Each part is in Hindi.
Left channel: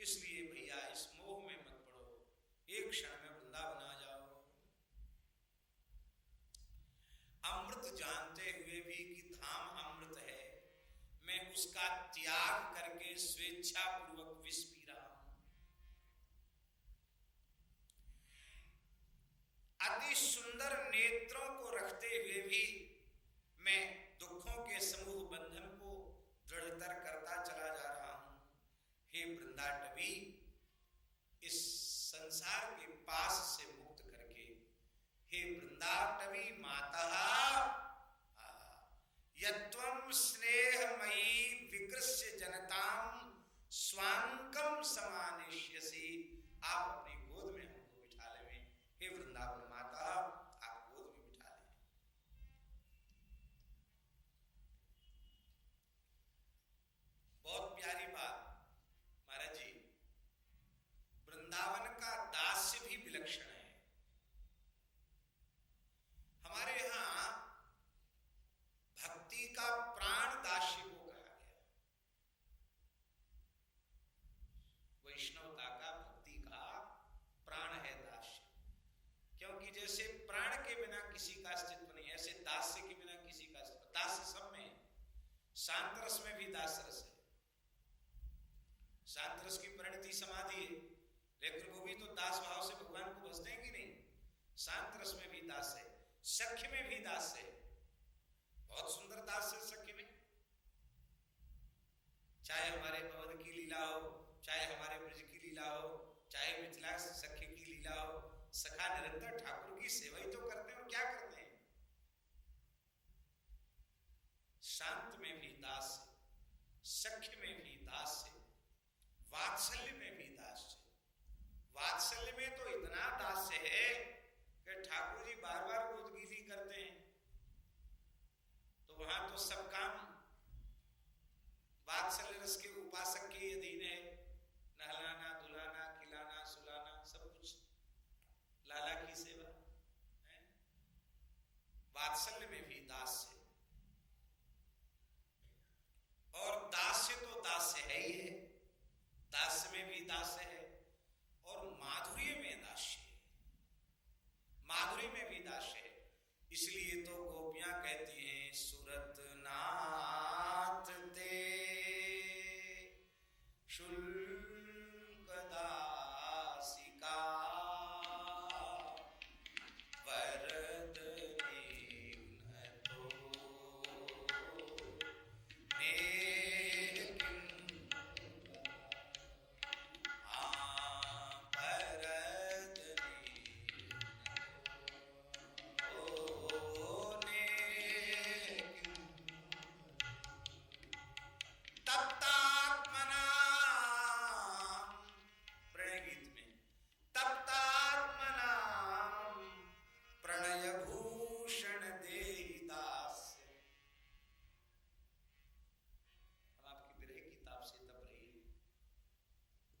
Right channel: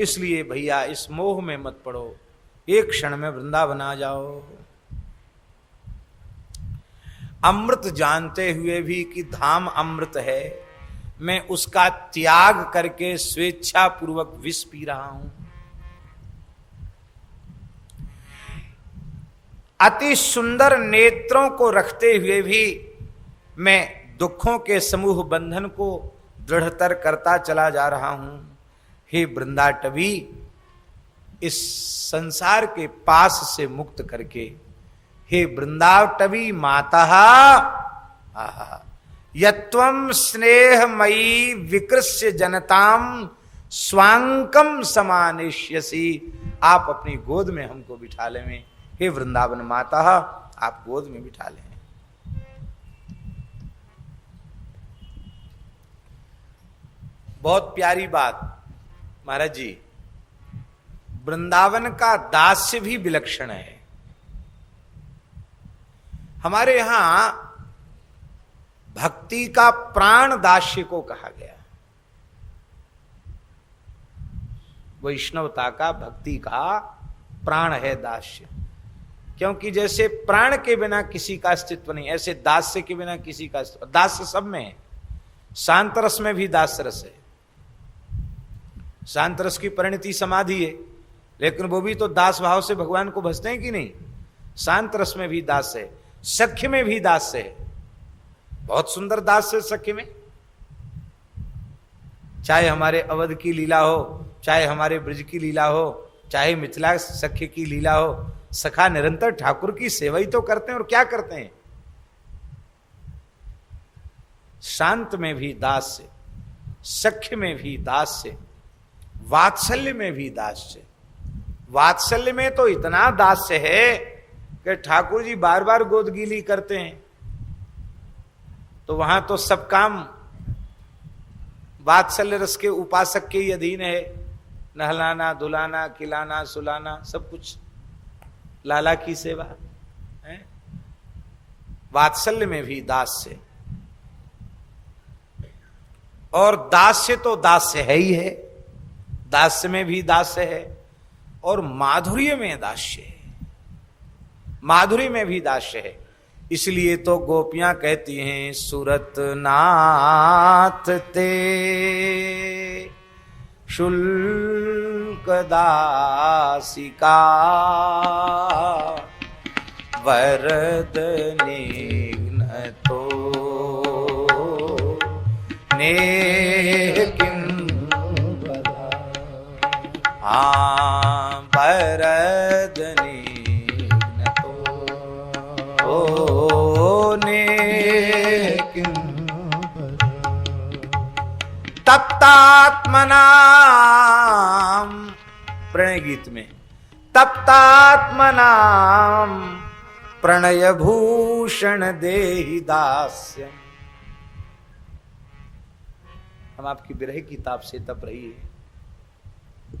इसलिए भैया इस मोह में मत पड़ो, एक क्षण में वृंदावन आ जाओ। अमृत जानते हुए भी कि धाम अमृत है, मैं उसका त्याग करके स्वेच्छा पूर्वक विष पी रहा हूं। अति सुंदर नेत्रों को रखते हुए भी मैं दुखों के समूह बंधन को दृढ़तर करता चला जा रहा हूं। हे वृंदाटवी, इस संसार के पास से मुक्त करके, हे वृंदाटवी माता, यत्वं स्नेहमयी विकृष्य जनताम स्वांकम समानिष्यसि। आप अपनी गोद में हमको बिठा लें। हे वृंदावन माता, आप गोद में बिठा लें। बहुत प्यारी बात महाराज जी, वृंदावन का दास्य भी विलक्षण है। हमारे यहां भक्ति का प्राण दास्य को कहा गया, वैष्णवता का भक्ति का प्राण है दास्य। क्योंकि जैसे प्राण के बिना किसी का अस्तित्व नहीं, ऐसे दास्य के बिना किसी का अस्तित्व। दास्य सब में है, शांत रस में भी दास्य रस है। शांत रस की परिणति समाधि है, लेकिन वो भी तो दास भाव से भगवान को भजते हैं कि नहीं। शांत रस में भी दास है, सख्य में भी दास है। बहुत सुंदर दास है सख्य में। चाहे हमारे अवध की लीला हो, चाहे हमारे ब्रज की लीला हो, चाहे मिथिला सख्य की लीला हो, सखा निरंतर ठाकुर की सेवा ही तो करते हैं। और क्या करते हैं? शांत में भी दास्य, सख्य में भी दास्य, वात्सल्य में भी दास्य। वात्सल्य में तो इतना दास्य है कि ठाकुर जी बार बार गोदगीली करते हैं, तो वहां तो सब काम वात्सल्य रस के उपासक के ही अधीन है। नहलाना, धुलाना, खिलाना, सुलाना, सब कुछ लाला की सेवा है। वात्सल्य में भी दास्य, और दास्य तो दास्य है ही है, दास्य में भी दास्य है, और माधुर्य में दास्य है, माधुर्य में भी दास्य है। इसलिए तो गोपियां कहती हैं, सूरत नाथ ते शुल्क दासिका वरद निघ्न तो ने हाँ वरद निघ्न तो ने तप्तात्मनाम, प्रणय गीत में तप्तात्मनाम प्रणय भूषण देहि दास्यम। हम आपकी विरह की ताप से तप रही है,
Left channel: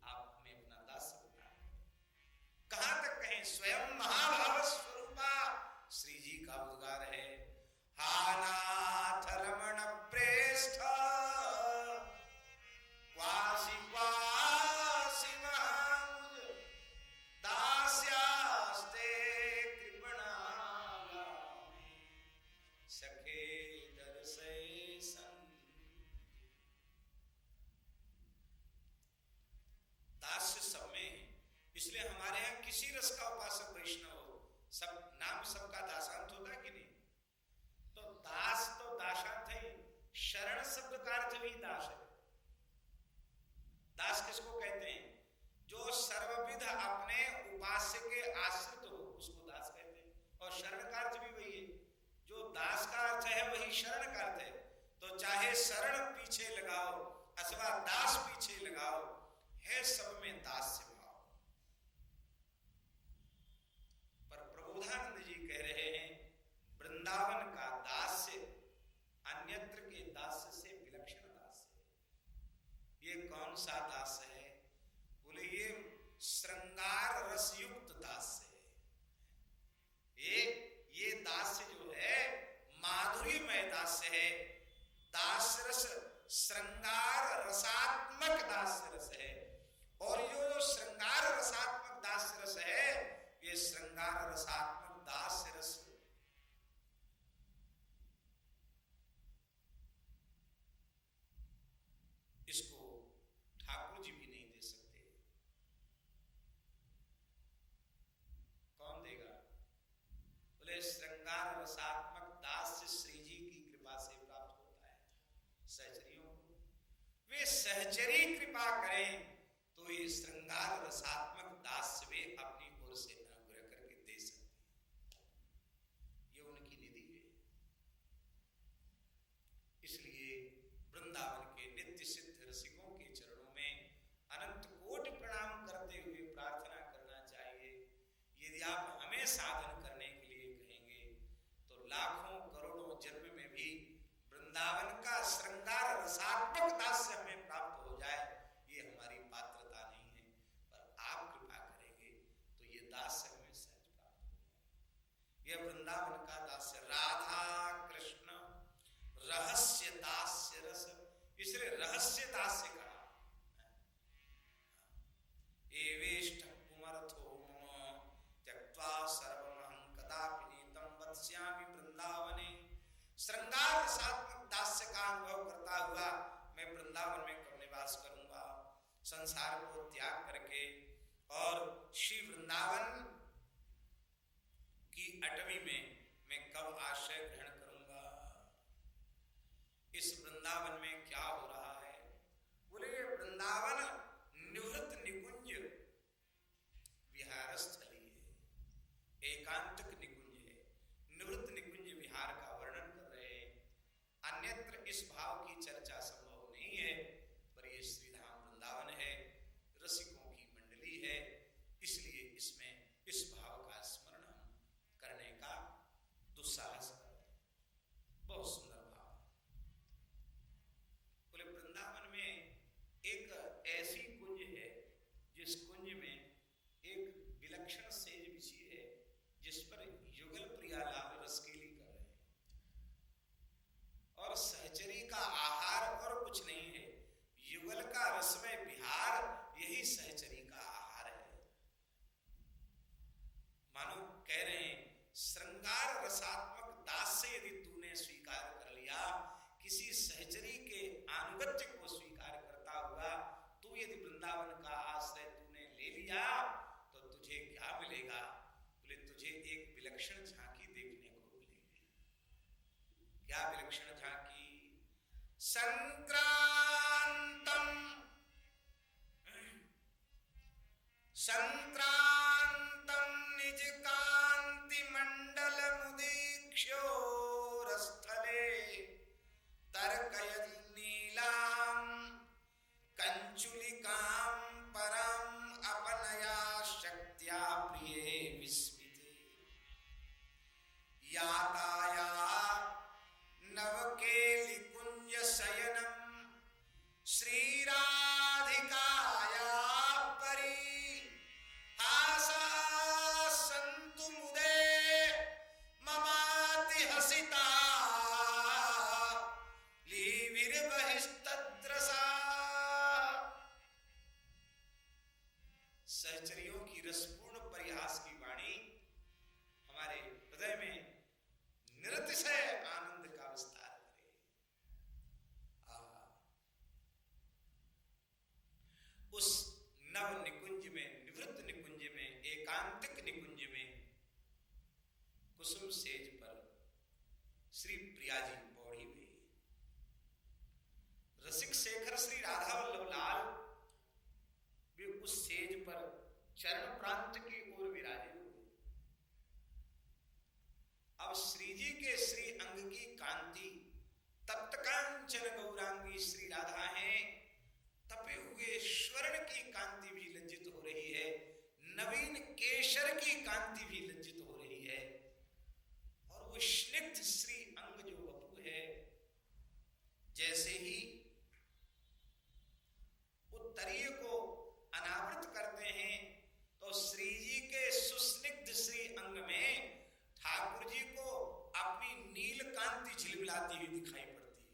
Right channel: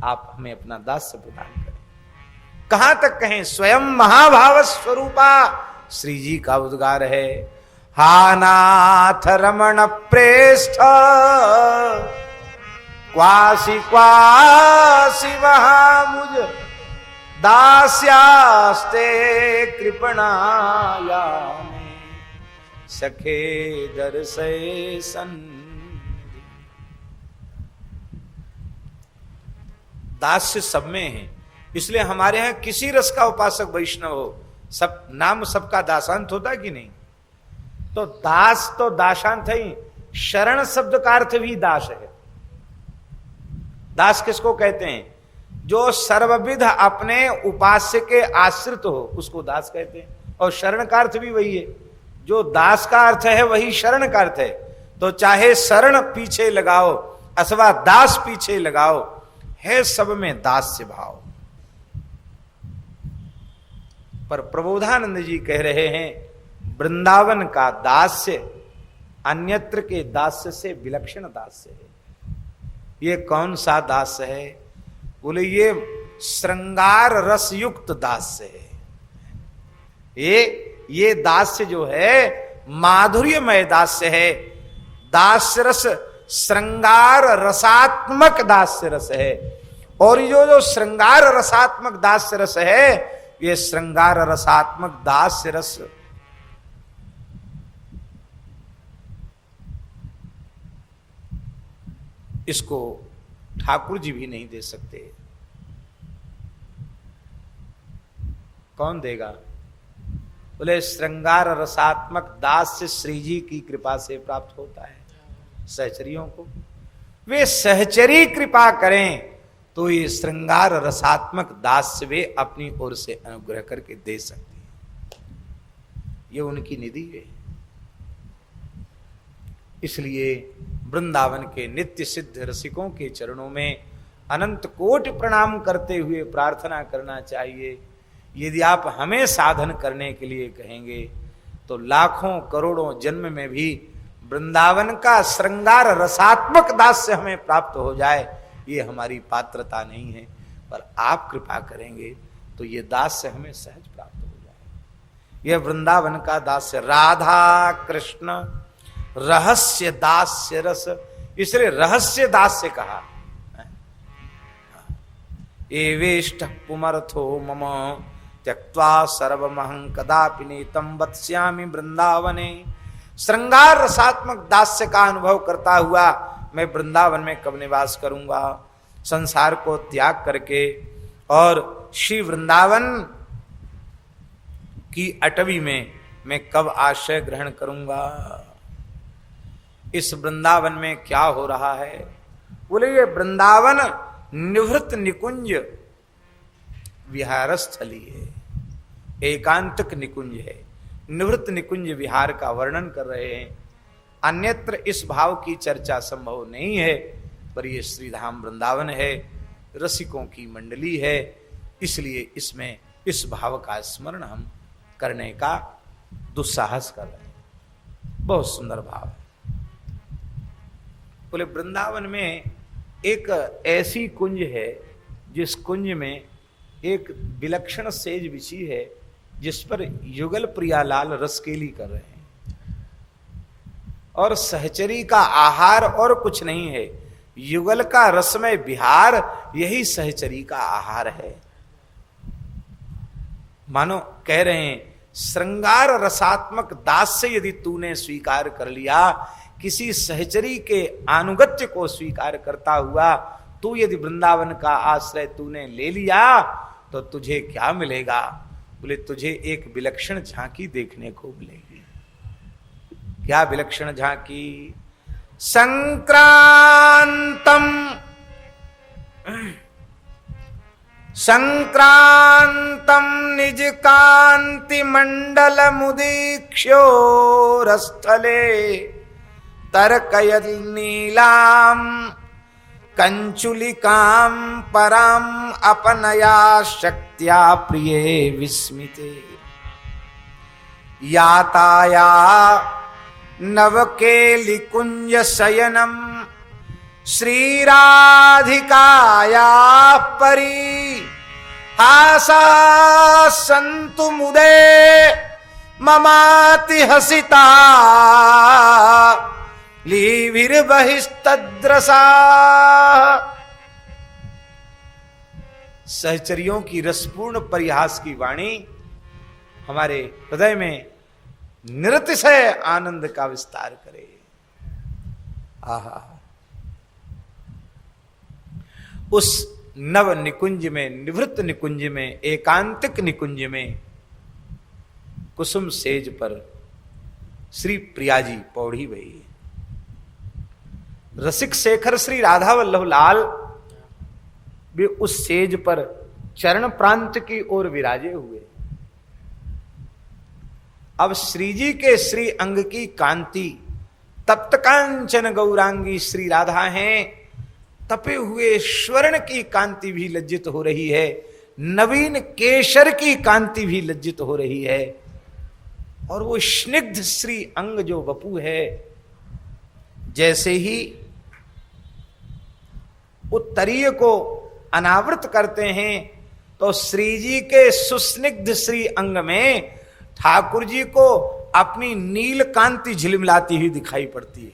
आप हमें अपना दास्य प्रदान करें। कहां तक कहें, स्वयं महाभाव स्वरूपा श्री जी का उद्गार है। हा नाथ रमण प्रेष्ठ क्वासी क्वासी वहां मुझ दास्यास्ते कृपणाया सखे दर से सन। दास्य सब में है, इसलिए हमारे यहां किसी रस का उपासक वैष्णव हो, सब नाम सबका दासांत होता कि नहीं। तो दास तो दासांत है ही, शरण शब्द का अर्थ भी दास है। दास किसको कहते हैं? जो सर्वविध अपने उपास्य के आश्रित हो, उसको दास कहते हैं। और शरण का अर्थ भी वही है, जो दास का अर्थ है वही शरण का अर्थ है। तो चाहे शरण पीछे लगाओ अथवा दास पीछे लगाओ, है सब में दास्य भाव। पर प्रबोधानंद जी कह रहे हैं, वृंदावन का दास्य अन्यत्र के दास्य से विलक्षण दास्य है। ये कौन सा दास्य है? बोले ये श्रृंगार रस युक्त दास्य है। ये दास्य जो है माधुर्यमय दास्य है। दास्य रस श्रृंगार रसात्मक दास्य रस है। और जो जो श्रृंगार रसात्मक दास्य रस है, ये श्रृंगार रसात्मक दास्य रस इसको ठाकुर जी भी नहीं दे सकते। कौन देगा? बोले श्रृंगार रसात्मक दास्य श्री जी की कृपा से प्राप्त होता है सहचरियों को। वे सहचरी कृपा करें तो ये श्रृंगार रसात्मक दास्य वे अपनी ओर से अनुग्रह करके दे सकते हैं। ये उनकी निधि है। इसलिए वृंदावन के नित्य सिद्ध रसिकों के चरणों में अनंत कोटि प्रणाम करते हुए प्रार्थना करना चाहिए। यदि आप हमें साधन करने के लिए कहेंगे तो लाखों करोड़ों जन्म में भी वृंदावन का श्रृंगार रसात्मक दास्य हमें प्राप्त हो जाए, ये हमारी पात्रता नहीं है। पर आप कृपा करेंगे तो ये दास्य हमें सहज प्राप्त हो जाए। यह वृंदावन का दास्य, राधा कृष्ण रहस्य दास्य रस, इसलिए रहस्य दास्य कहा। एवेष्ट पुमर्थो मम त्यक्त्वा सर्वमहं कदापि नीतं वत्स्यामि वृंदावने। श्रृंगार रसात्मक दास्य का अनुभव करता हुआ मैं वृंदावन में कब निवास करूंगा, संसार को त्याग करके और श्री वृंदावन की अटवी में मैं कब आश्रय ग्रहण करूंगा। इस वृंदावन में क्या हो रहा है? बोले ये वृंदावन निवृत्त निकुंज विहारस्थली है, एकांतक निकुंज है। निवृत्त निकुंज विहार का वर्णन कर रहे हैं। अन्यत्र इस भाव की चर्चा संभव नहीं है, पर ये श्रीधाम वृंदावन है, रसिकों की मंडली है, इसलिए इसमें इस भाव का स्मरण हम करने का दुस्साहस कर रहे हैं। बहुत सुंदर भाव है। बोले वृंदावन में एक ऐसी कुंज है जिस कुंज में एक विलक्षण सेज बिछी है, जिस पर युगल प्रियालाल रसकेली कर रहे हैं। और सहचरी का आहार और कुछ नहीं है, युगल का रसमय विहार यही सहचरी का आहार है। मानो कह रहे हैं श्रृंगार रसात्मक दास से यदि तूने स्वीकार कर लिया, किसी सहचरी के अनुगत्य को स्वीकार करता हुआ तू यदि वृंदावन का आश्रय तूने ले लिया तो तुझे क्या मिलेगा? बोले तुझे एक विलक्षण झांकी देखने को मिलेगी। क्या विलक्षण झांकी? संक्रांतम निज कांति मंडल मुदीक्ष्यो रस्थले तर्कयद नीलाम कंचुलिकां पराम अपनया शक्त्या प्रिये विस्मिते याताया नवकेलिकुंज शयनम श्रीराधिकाया परी हासा संतु मुदे ममाति हसिता लीविर्बहिस्तद्रसा। सहचरियों की रसपूर्ण परिहास की वाणी हमारे हृदय में निरतिशय आनंद का विस्तार करे। आहा, उस नव निकुंज में, निवृत्त निकुंज में, एकांतिक निकुंज में कुसुम सेज पर श्री प्रिया जी पौड़ी भई। रसिक शेखर श्री राधा वल्लभ लाल भी उस सेज पर चरण प्रांत की ओर विराजे हुए। अब श्री जी के श्री अंग की कांति तप्त कांचन गौरांगी श्री राधा हैं, तपे हुए स्वर्ण की कांति भी लज्जित हो रही है, नवीन केशर की कांति भी लज्जित हो रही है। और वो स्निग्ध श्री अंग जो वपु है, जैसे ही उत्तरीय को अनावृत करते हैं तो श्री जी के सुस्निग्ध श्री अंग में ठाकुर जी को अपनी नील कांति झिलमिलाती हुई दिखाई पड़ती है।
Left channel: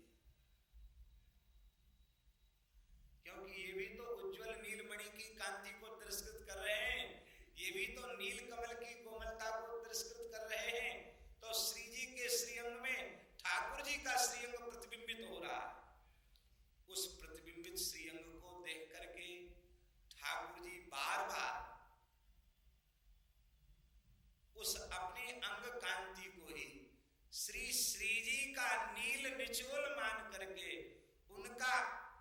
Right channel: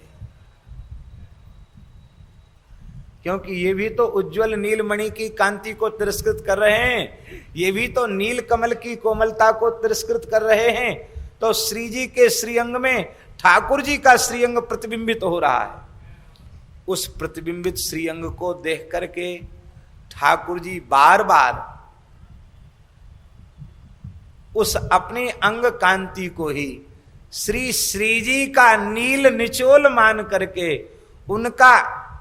क्योंकि ये भी तो उज्जवल नीलमणि की कांति को तिरस्कृत कर रहे हैं, ये भी तो नील कमल की कोमलता को तिरस्कृत कर रहे हैं। तो श्री जी के श्रीअंग में ठाकुर जी का श्रीअंग प्रतिबिंबित हो रहा है। उस प्रतिबिंबित श्रीअंग को देख करके ठाकुर जी बार बार उस अपनी अंग कांति को ही श्री जी का नील निचोल मान करके,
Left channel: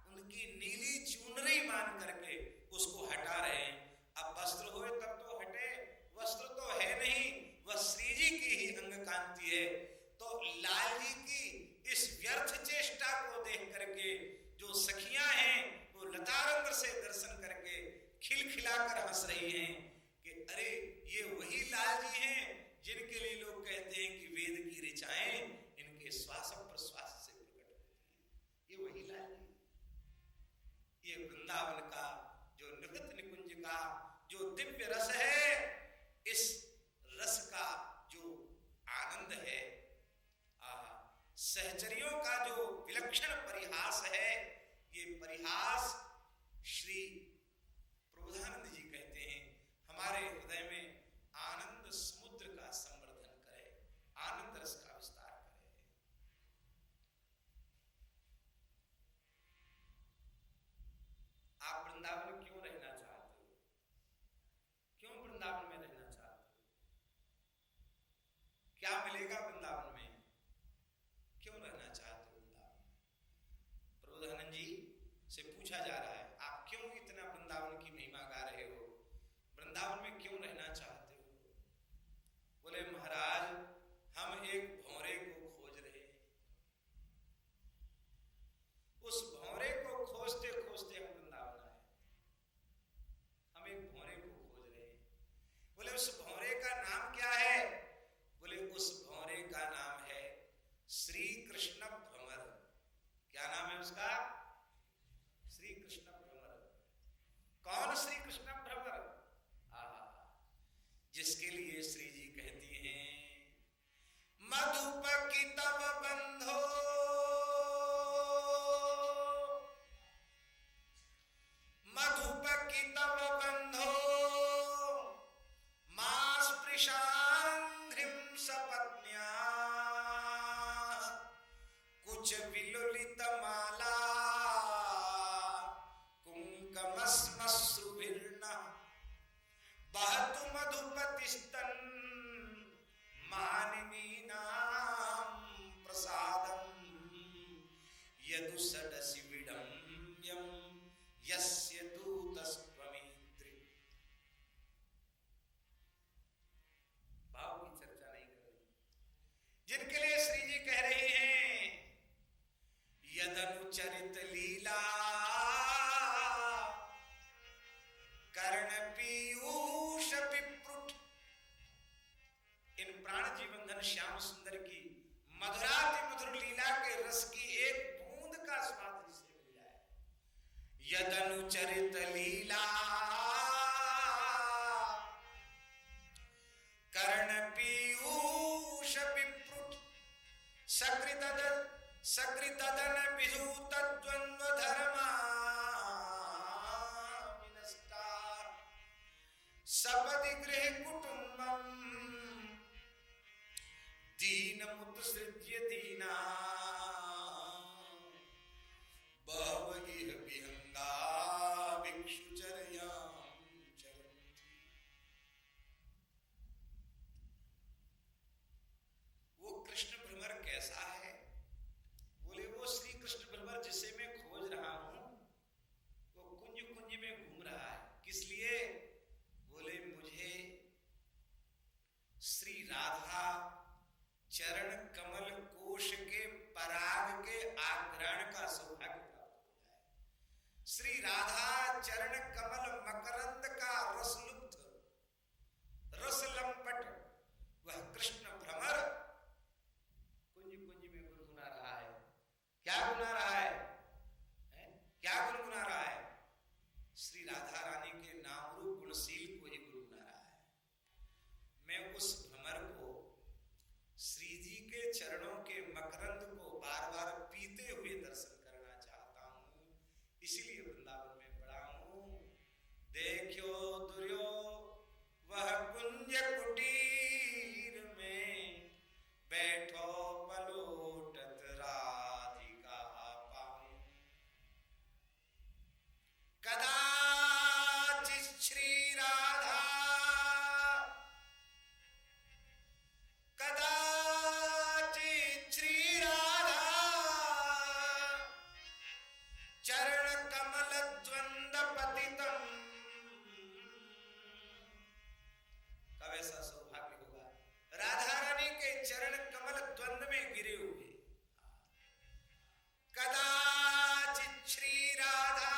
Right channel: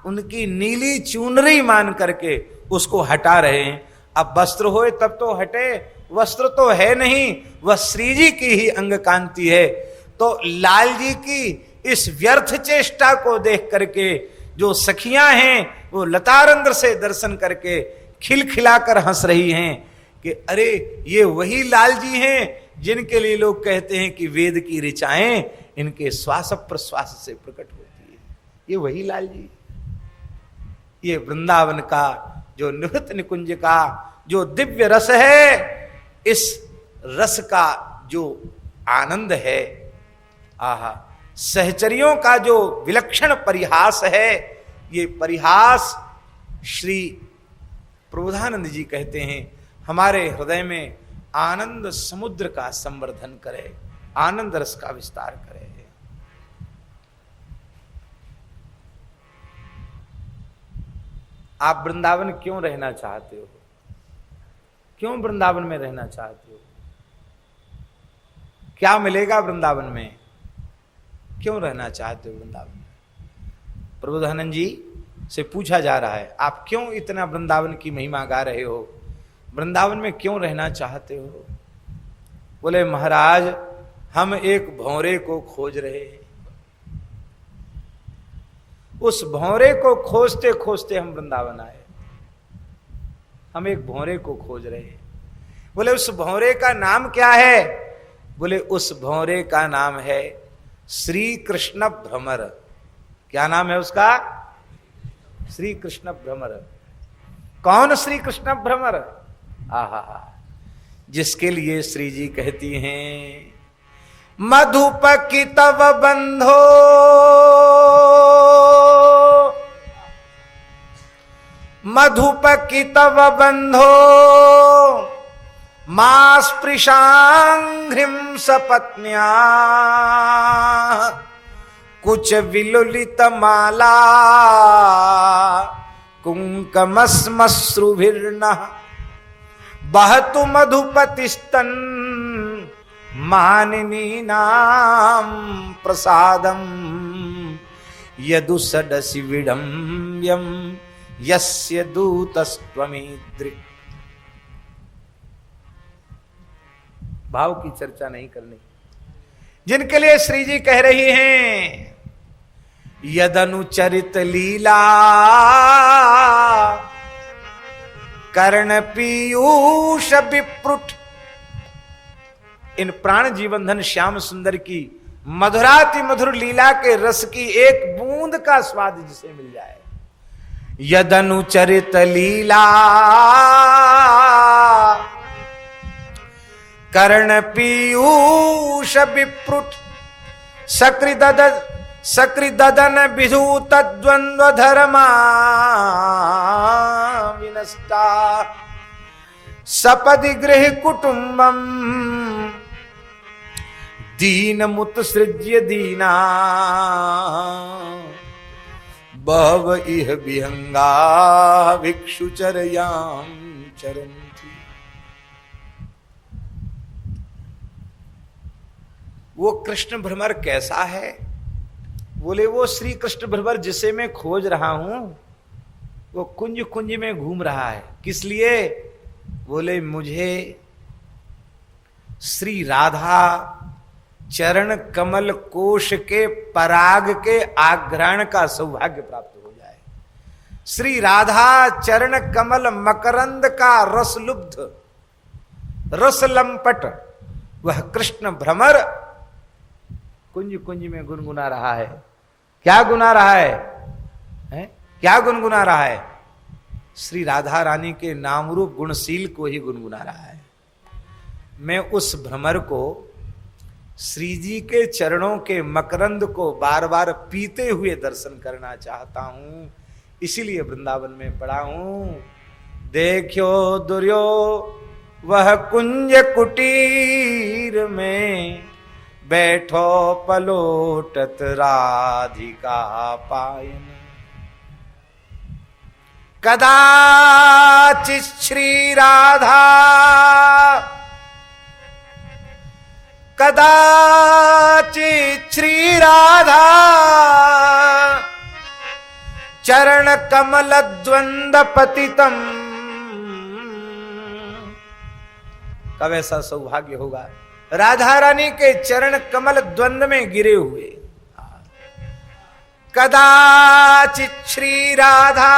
उनकी नीली चुनरी मान करके उसको हटा रहे हैं। अब वस्त्र होए तब तो हटे, वस्त्र तो है नहीं, वह श्री जी की ही अंग कांति है। तो लाल जी की इस व्यर्थ चेष्टा को देख करके जो सखियां हैं वो लतारंध्र से दर्शन करके खिलखिलाकर हंस रही हैं कि अरे ये वही लाल जी हैं जिनके लिए लोग कहते हैं कि वेद की ऋचाएं इनके श्वास प्रश्वास से प्रकट होती है। ये वही लाल जी, ये वृंदावन का जो निवृत्त निकुंज का जो दिव्य रस है, इस रस का जो आनंद है, आहा, सहचरियों का जो विलक्षण परिहास है, ये परिहास श्री प्रबोधानंद जी कहते हैं हमारे हृदय में आनंद समुद्र का संवर्धन करे, आनंद रस का विस्तार करे। आप वृंदावन क्यों रहना चाहते हो? क्यों वृंदावन में रहना चाहते हो? क्या मिलेगा वृंदावन में? क्यों रहना चाहते हो वृंदावन में? प्रबोधानंद जी से पूछा जा रहा है, आप क्यों इतना वृंदावन की महिमा गा रहे हो? वृंदावन में क्यों रहना चाहते हो? बोले महाराज, हम एक भौरे को खोज रहे हैं। उस भौरे को खोजते खोजते हम वृंदावन आए। हम एक भौरे को खोज रहे हैं। बोले उस भौरे का नाम क्या है? बोले उस भौरे का नाम है श्री कृष्ण भ्रमर। क्या नाम है उसका? श्री कृष्ण भ्रमर। कौन श्री कृष्ण भ्रमर? आहा, जिसके लिए श्री जी कहती हैं मधुप की तव बंधो, मधुप की तव बंधो, मा स्पृशांघ्रिम सपत्न्या, कुछ विलुलित माला कुंकमस्मश्रुभिर्नः, बहतु मधुपतिस्तन मानिनी नाम प्रसादम, यदुसडसि विडम्ब्यम यस्य दूतस्त्वमीदृक्। भाव की चर्चा नहीं करनी। जिनके लिए श्री जी कह रही हैं यदनुचरित लीला कर्ण पीयूष विप्रुट। इन प्राण जीवनधन श्याम सुंदर की मधुराति मधुर लीला के रस की एक बूंद का स्वाद जिसे मिल जाए। यदनुचरित लीला कर्ण पीयूष विप्रुट, सकृदन विधु तद्वंद्व धर्मा विनष्टा, सपदि गृह कुटुंबम दीन मुत सृज्य दीना, बहव इह विहंगा भिक्षुचर्याम चरन्ति। वो कृष्ण भ्रमर कैसा है? बोले वो श्री कृष्ण भ्रमर जिसे मैं खोज रहा हूं, वो कुंज कुंज में घूम रहा है। किस लिए? बोले मुझे श्री राधा चरण कमल कोश के पराग के आग्रहण का सौभाग्य प्राप्त हो जाए। श्री राधा चरण कमल मकरंद का रस लुब्ध रस लंपट वह कृष्ण भ्रमर कुंज कुंज में गुनगुना रहा है। क्या गुना रहा है? क्या गुनगुना रहा है? श्री राधा रानी के नाम रूप गुणशील को ही गुनगुना रहा है। मैं उस भ्रमर को श्री जी के चरणों के मकरंद को बार बार पीते हुए दर्शन करना चाहता हूं। इसीलिए वृंदावन में पड़ा हूं। देखो दुर्यो वह कुंज कुटीर में, बैठो पलोटत राधिका पायन। कदाचित श्री राधा, कदाचित श्री राधा, चरण कमल द्वंद पतितम। कब ऐसा सौभाग्य होगा राधा रानी के चरण कमल द्वंद में गिरे हुए। कदाचित श्री राधा,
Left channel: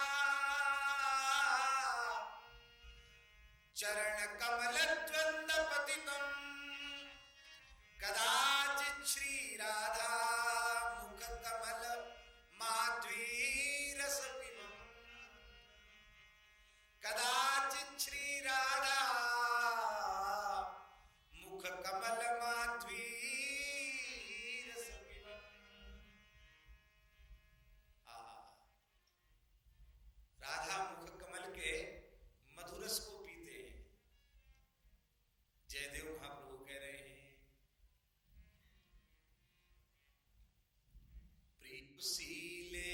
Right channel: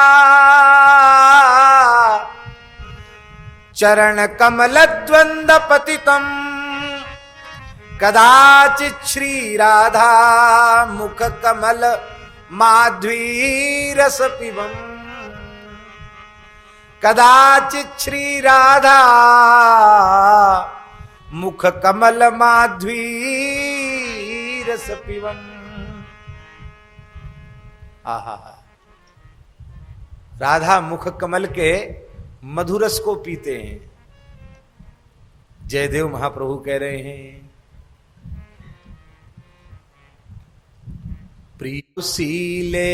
चरण कमल द्वंद पतितम। कदाचित श्री राधा, मुख कमल माध्वी रस पिबम। कदाचित श्री राधा, मुख कमल माध्वी रस पिबम। आहा, राधा मुख कमल के मधुरस को पीते हैं। जयदेव महाप्रभु कह रहे हैं, प्रियुशीले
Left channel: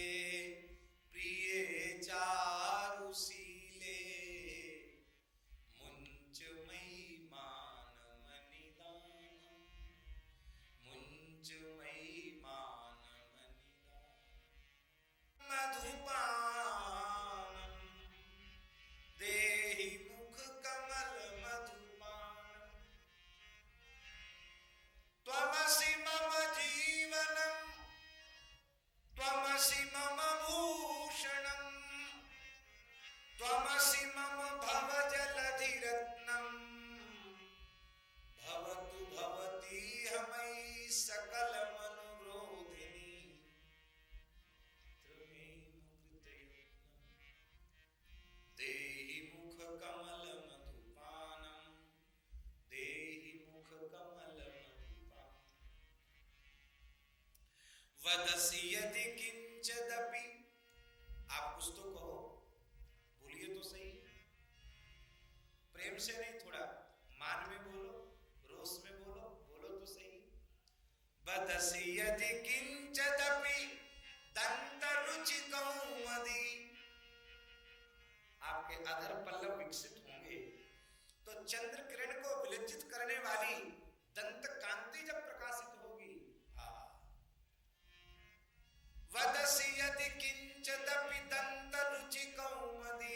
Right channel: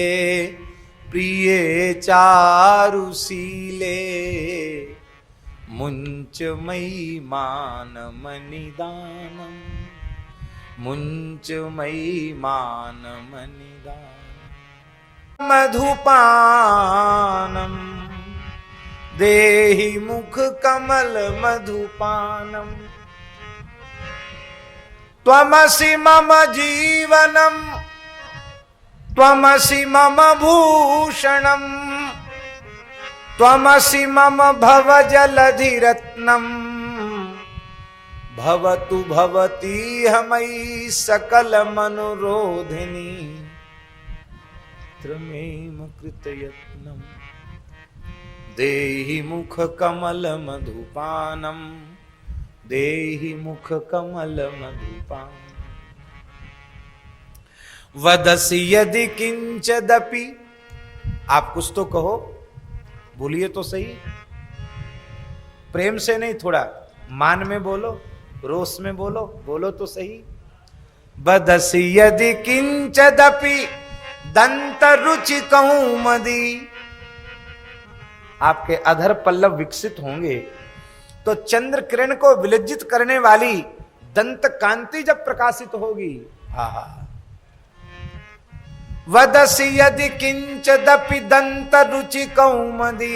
प्रिय चारुशीले, मुंच मयि मान मनिदानम। मुंच मयि मान मनिदानम। मधुपानम देहि मुख कमल मधुपानम। त्वमसि मम जीवनम, त्वमसि मम भूषणम। त्वमसि मम भवजलधि रत्नम। भवतु भवती मयि सकल मनोरोधिनी। त्वमेव कृतयत्नम देहि मुख कमल मधुपानम। देहि मुख कमल मधुपानम। वदसि यदि किंचदपि, आप कुछ तो कहो, बोलिए तो सही। प्रेम से नहीं, थोड़ा मान में बोलो, रोष में बोलो, बोलो तो सही। वदसि यदि किंचदपि दंत रुचि कौमुदी। आपके अधर पल्लव विकसित होंगे तो चंद्र किरण को विलज्जित करने वाली दंत कांति जब प्रकाशित होगी। आहा, वदसि यदि किंचदपि दंत रुचि कौमुदी।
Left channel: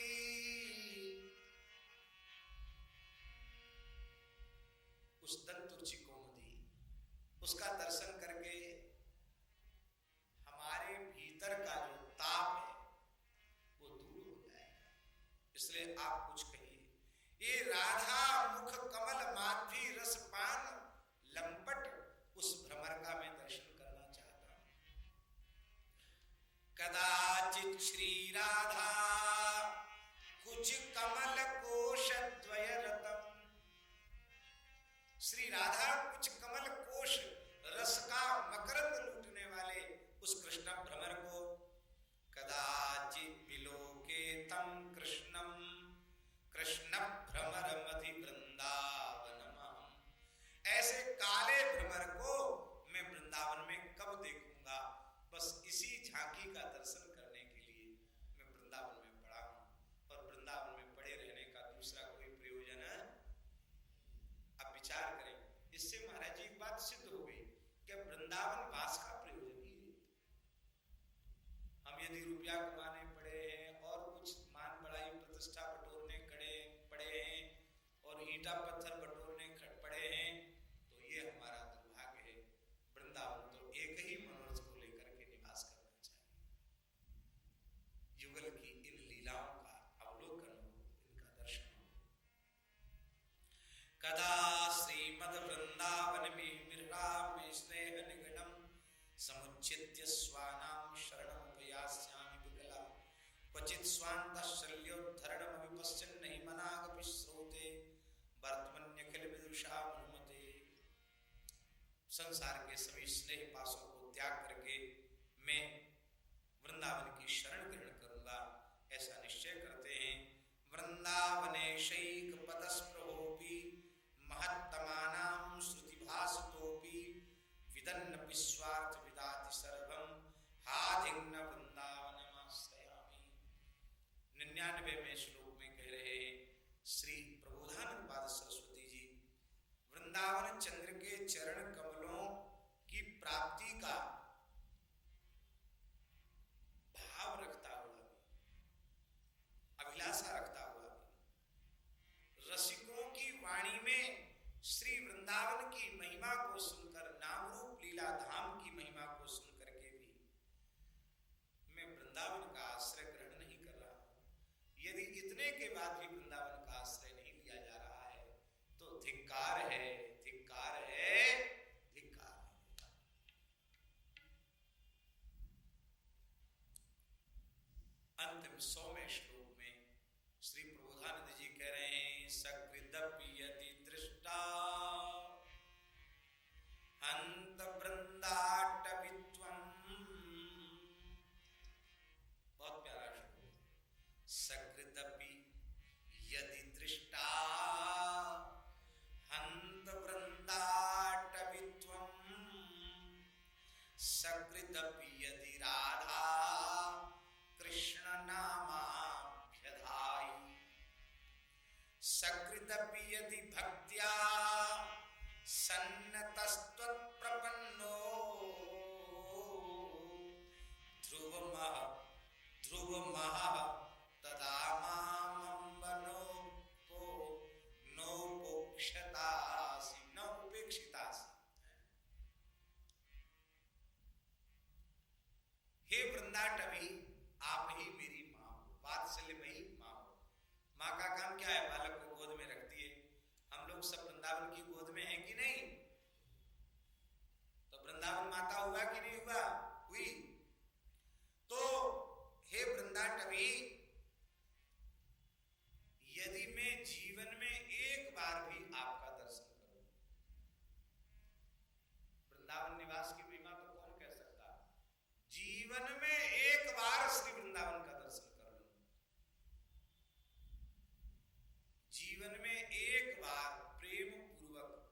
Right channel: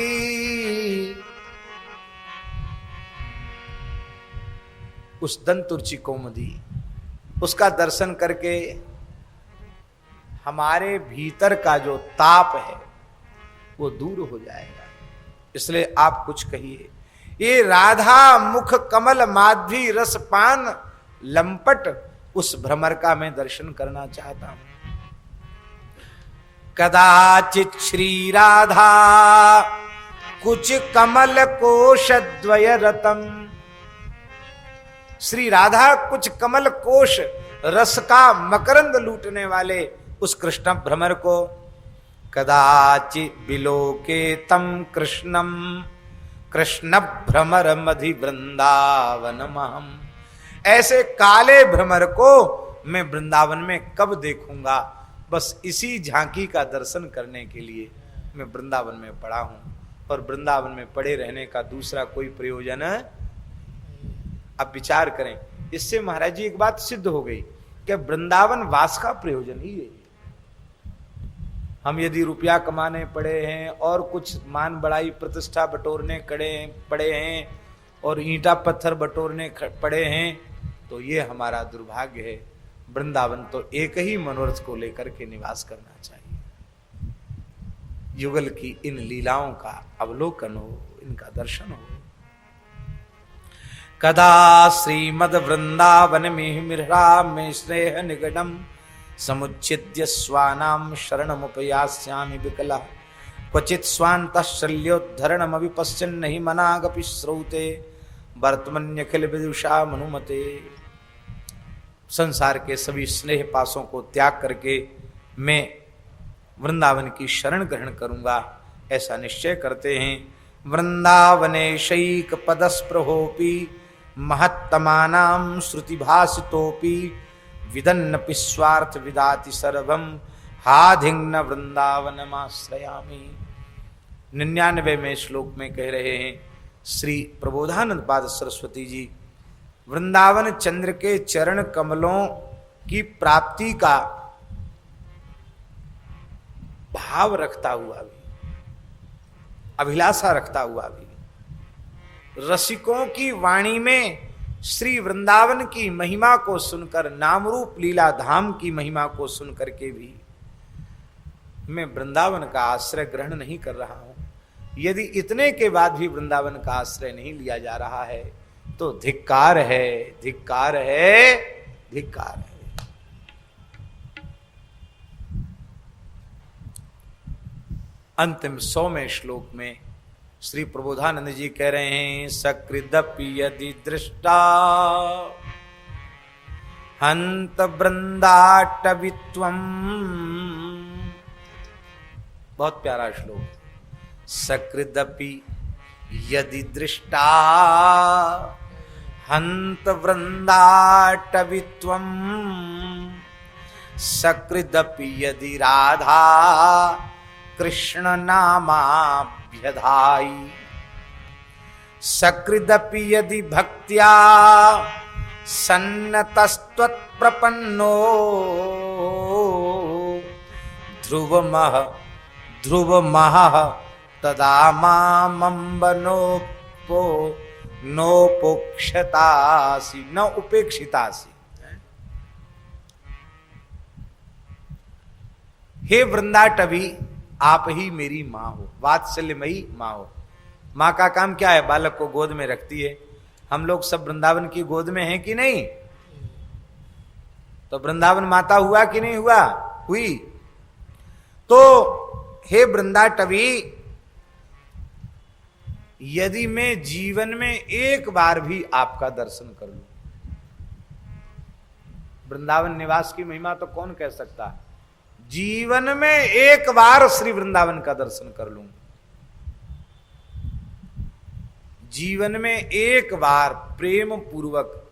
उस दंत रुचि कौमुदी, उसका दर्शन करके हमारे भीतर का जो ताप है वो दूर हो जाएगा। इसलिए आप कुछ कहिए। ये राधा मुख कमल माध्वी रसपान लंपट उस भ्रमर का मैं दर्शन करना चाहता हूं। कदाचित श्री राधा कुछ कमल कोश द्वय रतम। श्री राधा कुछ कमल कोश रस का मकरंद लूटने वाले उस कृष्ण भ्रमर को कदाचित बिलोके तम कृष्णम कृष्ण भ्रमर मधि वृंदावन महम। ऐसे काले भ्रमर को मैं वृंदावन में कब देखूंगा। बस इसी झांकी का दर्शन करने के लिए मैं वृंदावन में पड़ा हूं और वृंदावन में पड़े रहने का दूसरा कोई प्रयोजन है। अब विचार करें, इससे महाराज जी एक बात सिद्ध हो गई कि वृंदावन वास का प्रयोजन ही है। हम यदि रुपया कमाने पड़े हैं और कुछ मान बड़ाई प्रतिष्ठा बटोरने पड़े हैं और ईंटा पत्थर बटोरने पड़े हैं तो ये हमारा दुर्भाग्य है। वृंदावन तो एक ही मनोरथ को लेकर के निवास करना चाहिए। युगल की इन लीलाओं का अवलोकन हो, इनका दर्शन हो। कदा श्रीमद वृंदावन में मिहरा में स्नेह निगडम समुच्छिद्य स्वानाम शरणमुपयास्यामि विकला क्वचित स्वांतः शल्योद्धरणमपि पश्यन् नहि मनागपि श्रौते वर्तमन्यखिल विदुषा मनुमते। संसार के सभी स्नेह पासों को त्याग करके मैं वृंदावन की शरण ग्रहण करूंगा, ऐसा निश्चय करते हैं। वृंदावने शैक पदस्पृहोपि महत्तमानां श्रुतिभासितोपि विदन्नपि स्वार्थ विदाति सर्वम हाधिंग्न वृंदावनमाश्रयामि। 99वें श्लोक में कह रहे हैं श्री प्रबोधानंद पाद सरस्वती जी, वृंदावन चंद्र के चरण कमलों की प्राप्ति का भाव रखता हुआ भी, अभिलाषा रखता हुआ भी, रसिकों की वाणी में श्री वृंदावन की महिमा को सुनकर, नामरूप लीला धाम की महिमा को सुनकर के भी मैं वृंदावन का आश्रय ग्रहण नहीं कर रहा हूं। यदि इतने के बाद भी वृंदावन का आश्रय नहीं लिया जा रहा है तो धिक्कार है, धिक्कार है, धिक्कार है। अंतिम 100वें श्लोक में श्री प्रबोधानंद जी कह रहे हैं, सकृदपि यदि दृष्टा हंत वृंदाटवित्वम्। बहुत प्यारा श्लोक। सकृदपि यदि दृष्टा हंत वृंदाटवित्वम्, सकृदपि यदि राधा कृष्ण नामाभ्यधाई, सकृदपि यदि भक्त्या सन्नतस्त्वत्प्रपन्नो ध्रुवमः तदा मामंबनोपो नोपोक्षतासि, न उपेक्षितासि। हे वृंदाटवी, आप ही मेरी माँ हो, वात्सल्यमयी माँ हो। माँ का काम क्या है? बालक को गोद में रखती है। हम लोग सब वृंदावन की गोद में हैं कि नहीं? तो वृंदावन माता हुआ कि नहीं हुआ? हुई। तो हे वृंदाटवी, यदि मैं जीवन में एक बार भी आपका दर्शन कर लूं, वृंदावन निवास की महिमा तो कौन कह सकता है? जीवन में एक बार श्री वृंदावन का दर्शन कर लूं, जीवन में एक बार प्रेम पूर्वक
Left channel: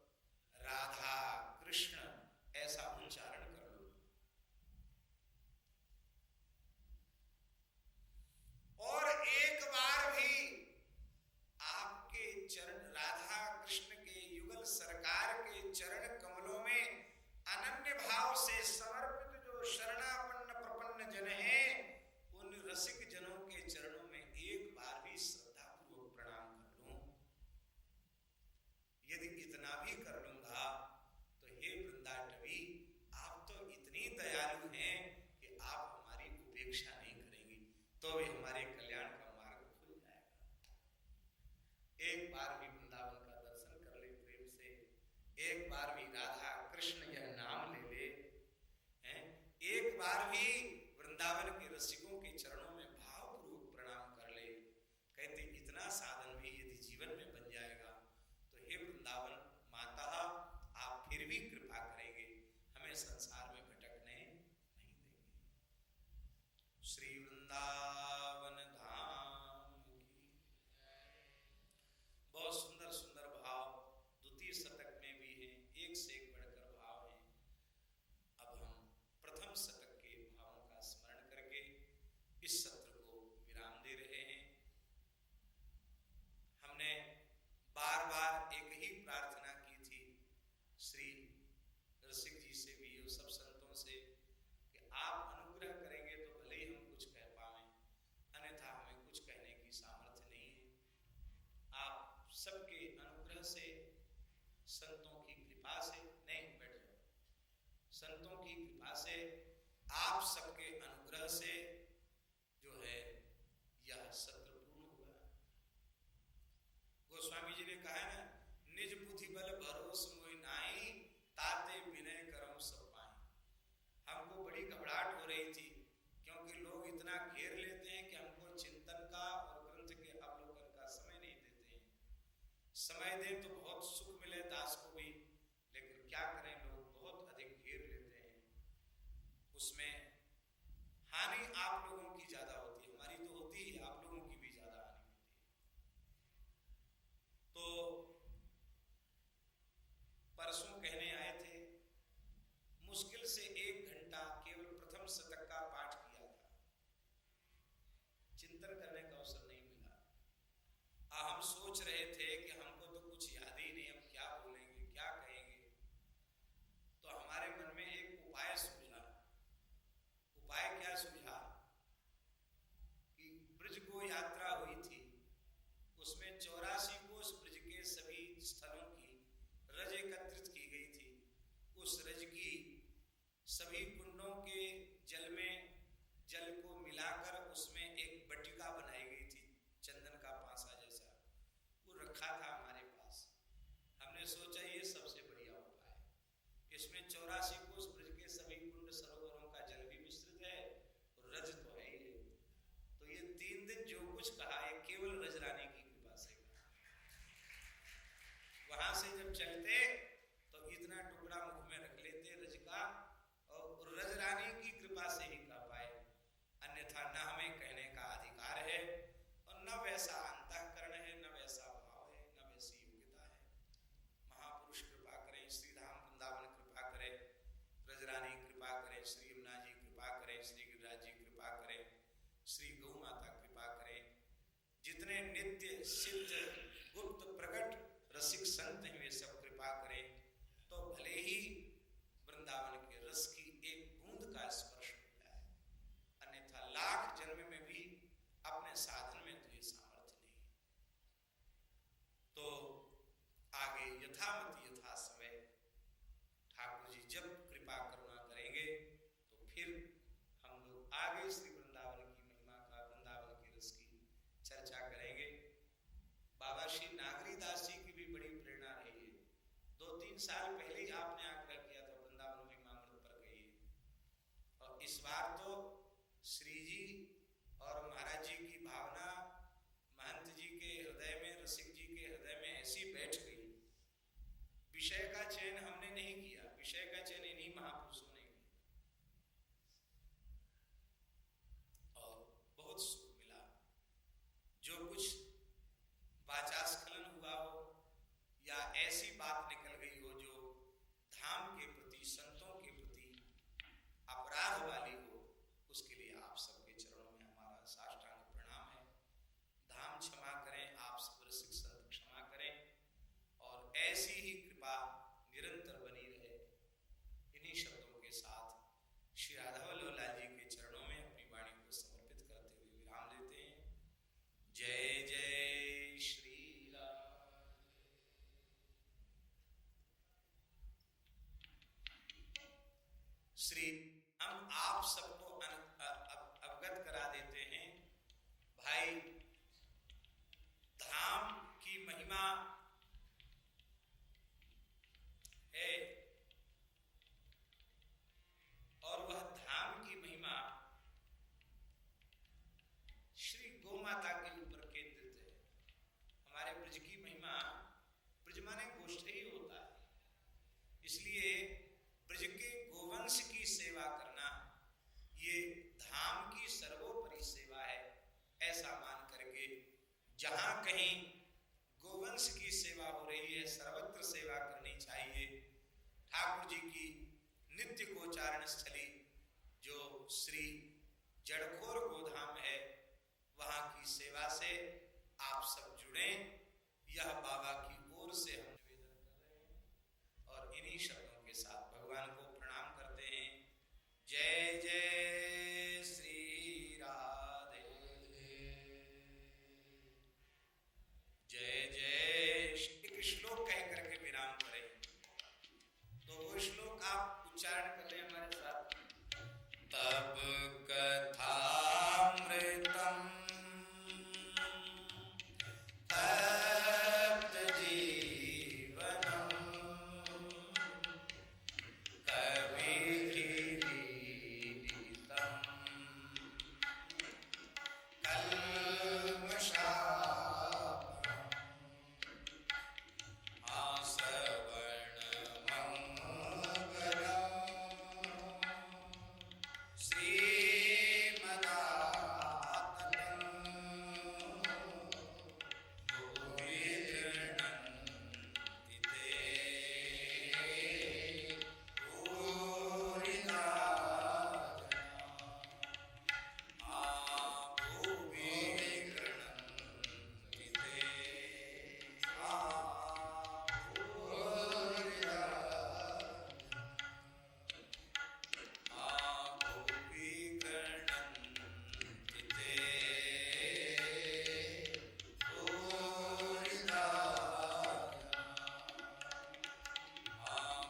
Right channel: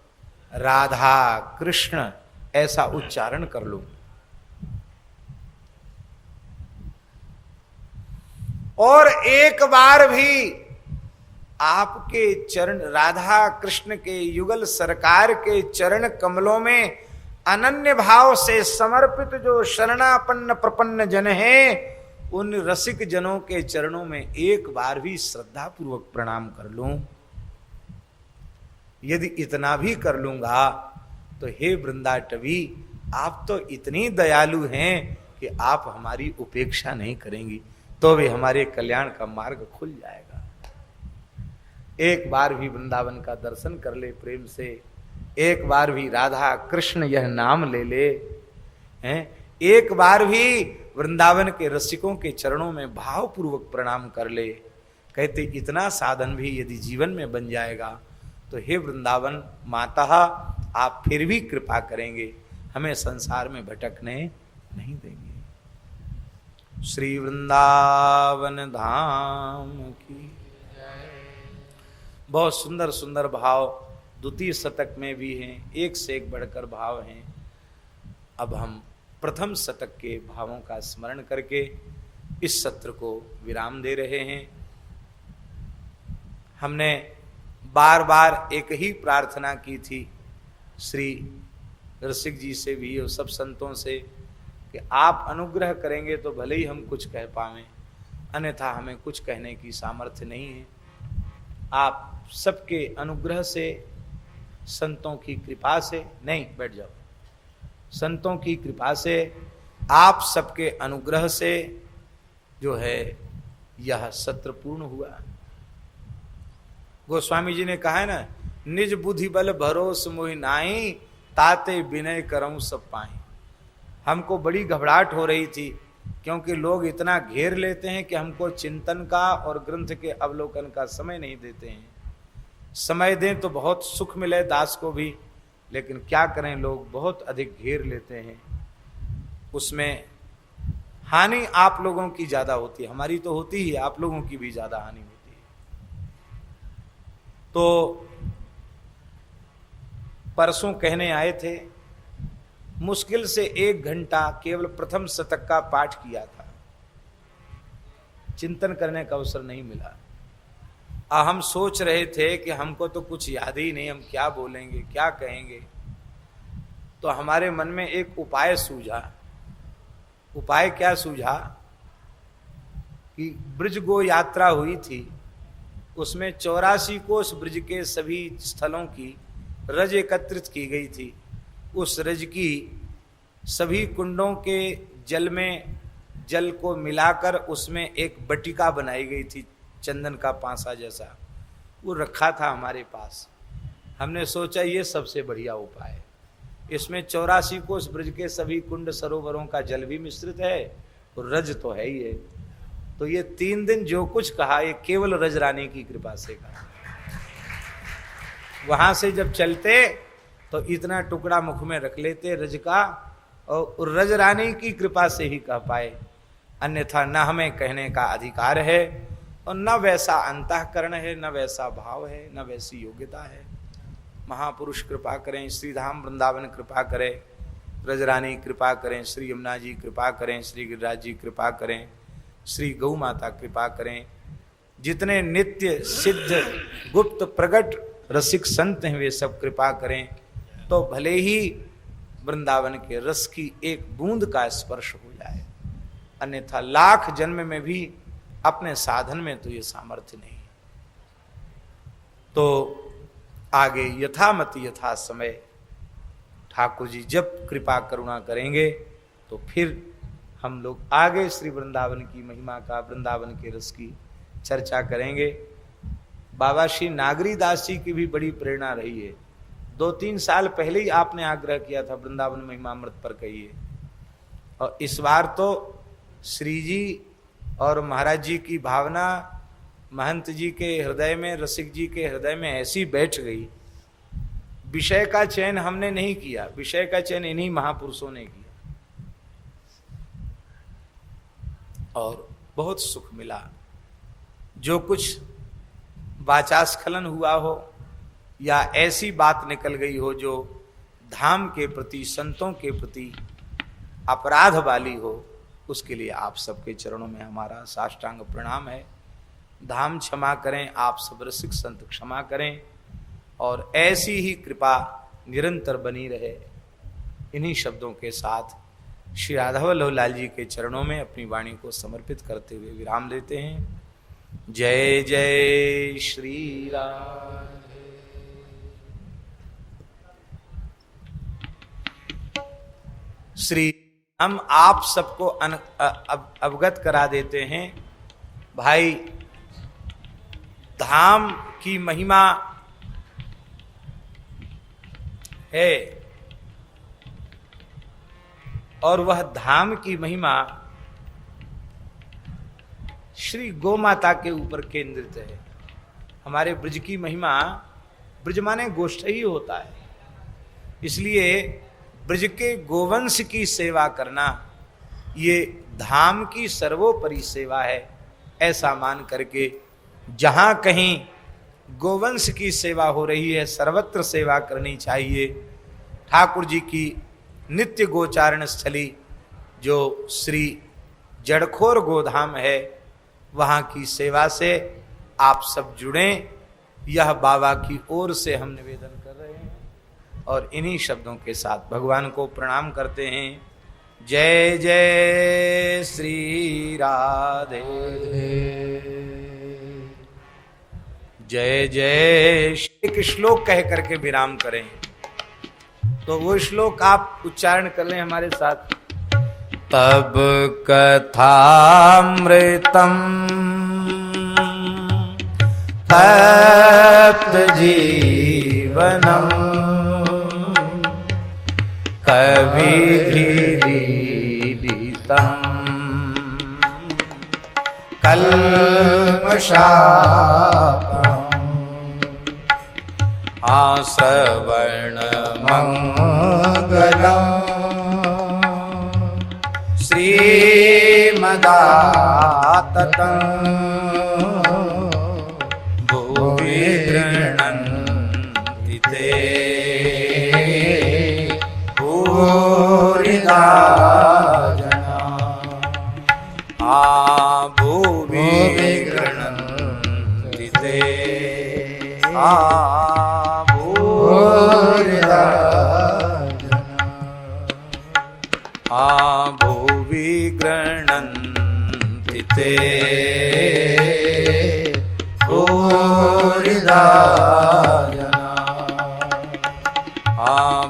राधा कृष्ण ऐसा उच्चारण कर लूं, और एक बार भी आपके चरण, राधा कृष्ण के युगल सरकार के चरण कमलों में अनन्य भाव से समर्पित जो शरणापन्न प्रपन्न जन हैं, उन रसिक जनों के चरणों में एक बार भी श्रद्धा पूर्वक प्रणाम कर लूं। यदि इतना भी कर लूंगा तो हे वृंदाटवी, आप तो इतनी दयालु हैं कि आप हमारी उपेक्षा नहीं करेंगी, तो भी हमारे कल्याण का मार्ग खुल जाएगा। एक बार भी वृंदावन का दर्शन कर ले प्रेम से, एक बार भी राधा कृष्ण यह नाम ले ले, हैं, एक बार भी वृंदावन के रसिकों के चरणों में भावपूर्वक प्रणाम कर ले। कहते इतना साधन भी यदि जीवन में बन जाएगा तो हे वृंदावन माता, आप फिर भी कृपा करेंगे, हमें संसार में भटकने नहीं देंगे। श्री वृंदावन धाम की। बहुत सुंदर सुंदर भाव द्वितीय शतक में भी हैं, एक से एक बढ़कर भाव हैं। अब हम प्रथम शतक के भावों का स्मरण करके इस सत्र को विराम दे रहे हैं। हमने बार बार एक ही प्रार्थना की थी श्री रसिक जी से भी और सब संतों से कि आप अनुग्रह करेंगे तो भले ही हम कुछ कह पावें, अन्यथा हमें कुछ कहने की सामर्थ्य नहीं है। आप सबके अनुग्रह से, संतों की कृपा से, नहीं बैठ जाओ, संतों की कृपा से, आप सबके अनुग्रह से जो है यह सत्र पूर्ण हुआ। गोस्वामी जी ने कहा है ना, निज बुद्धि बल भरोस मोहि नाई, ताते विनय करऊं सब पाई। हमको बड़ी घबराहट हो रही थी क्योंकि लोग इतना घेर लेते हैं कि हमको चिंतन का और ग्रंथ के अवलोकन का समय नहीं देते हैं। समय दें तो बहुत सुख मिले दास को भी, लेकिन क्या करें, लोग बहुत अधिक घेर लेते हैं। उसमें हानि आप लोगों की ज्यादा होती है, हमारी तो होती ही, आप लोगों की भी ज्यादा हानि होती है। तो परसों कहने आए थे, मुश्किल से 1 घंटा केवल प्रथम शतक का पाठ किया था, चिंतन करने का अवसर नहीं मिला। हम सोच रहे थे कि हमको तो कुछ याद ही नहीं, हम क्या बोलेंगे, क्या कहेंगे। तो हमारे मन में एक उपाय सूझा। उपाय क्या सूझा कि ब्रज गो यात्रा हुई थी, उसमें 84 कोस ब्रज के सभी स्थलों की रज एकत्रित की गई थी। उस रज की सभी कुंडों के जल में जल को मिलाकर उसमें एक बटिका बनाई गई थी, चंदन का पांसा जैसा, वो रखा था हमारे पास। हमने सोचा ये सबसे बढ़िया उपाय है। इसमें 84 कोस ब्रज के सभी कुंड सरोवरों का जल भी मिश्रित है और रज तो है ही है। तो ये 3 दिन जो कुछ कहा ये केवल रज रानी की कृपा से कहा। वहां से जब चलते तो इतना टुकड़ा मुख में रख लेते रज का, और रज रानी की कृपा से ही कह पाए, अन्यथा न हमें कहने का अधिकार है और न वैसा अंतःकरण है, न वैसा भाव है, न वैसी योग्यता है। महापुरुष कृपा करें, श्री धाम वृंदावन कृपा करें, ब्रजरानी कृपा करें, श्री यमुना जी कृपा करें, श्री गिरिराज जी कृपा करें, श्री गौ माता कृपा करें। जितने नित्य सिद्ध गुप्त प्रगट रसिक संत हैं वे सब कृपा करें, तो भले ही वृंदावन के रस की एक बूंद का स्पर्श हो जाए, अन्यथा लाख जन्म में भी अपने साधन में तो ये सामर्थ्य नहीं। तो आगे यथामति यथा समय ठाकुर जी जब कृपा करुणा करेंगे तो फिर हम लोग आगे श्री वृंदावन की महिमा का, वृंदावन के रस की चर्चा करेंगे। बाबा श्री नागरी दास जी की भी बड़ी प्रेरणा रही है। 2-3 साल पहले ही आपने आग्रह किया था वृंदावन महिमामृत पर कहिए, और इस बार तो श्री जी और महाराज जी की भावना महंत जी के हृदय में, रसिक जी के हृदय में ऐसी बैठ गई। विषय का चयन हमने नहीं किया, विषय का चयन इन्हीं महापुरुषों ने किया, और बहुत सुख मिला। जो कुछ वाचास्खलन हुआ हो या ऐसी बात निकल गई हो जो धाम के प्रति, संतों के प्रति अपराध वाली हो, उसके लिए आप सबके चरणों में हमारा साष्टांग प्रणाम है। धाम क्षमा करें, आप सब रसिक संत क्षमा करें, और ऐसी ही कृपा निरंतर बनी रहे। इन्हीं शब्दों के साथ श्री राधा वल्लभ लाल जी के चरणों में अपनी वाणी को समर्पित करते हुए विराम लेते हैं। जय जय श्री राम। श्री हम आप सबको अवगत करा देते हैं भाई, धाम की महिमा है, और वह धाम की महिमा श्री गौ माता के ऊपर केंद्रित है। हमारे ब्रज की महिमा, ब्रज माने गोष्ठ ही होता है, इसलिए ब्रज के गोवंश की सेवा करना ये धाम की सर्वोपरि सेवा है। ऐसा मान करके जहां कहीं गोवंश की सेवा हो रही है सर्वत्र सेवा करनी चाहिए। ठाकुर जी की नित्य गोचारण स्थली जो श्री जड़खोर गोधाम है, वहां की सेवा से आप सब जुड़ें, यह बाबा की ओर से हम निवेदन कर रहे हैं। और इन्हीं शब्दों के साथ भगवान को प्रणाम करते हैं। जय जय श्री राधे, जय जय। एक श्लोक कह करके विराम करें, तो वो श्लोक आप उच्चारण कर लें हमारे साथ। तब कथामृतम तप्त जीवनम कविधिरीडितम कल्मषापम आश्रवण मंगलम श्री दाततं भुवि गृह्णन्ति ते भूरिदा जना भुवि गृह्णन्ति ते भूरिदा भुवि गृह्णन्ति ते भूरिदा जना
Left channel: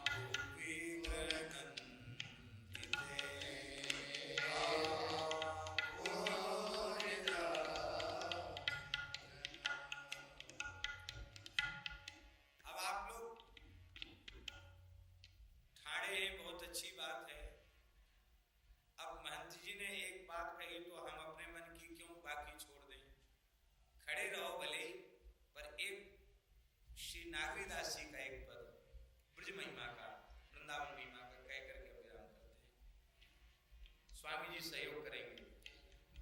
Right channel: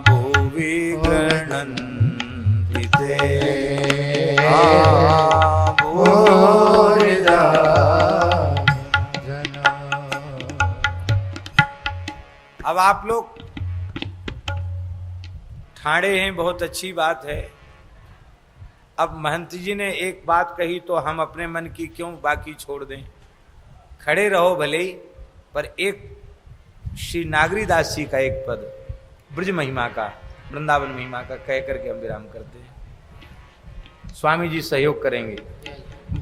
भुवि गृह्णन्ति ते भूरिदा जना। अब आप लोग ठाणे हैं, बहुत अच्छी बात है। अब महंत जी ने एक बात कही तो हम अपने मन की क्यों बाकी छोड़ दें, खड़े रहो भले ही, पर एक श्री नागरीदास जी का एक पद ब्रज महिमा का, वृंदावन महिमा का कह करके हम विराम करते हैं। स्वामी जी सहयोग करेंगे।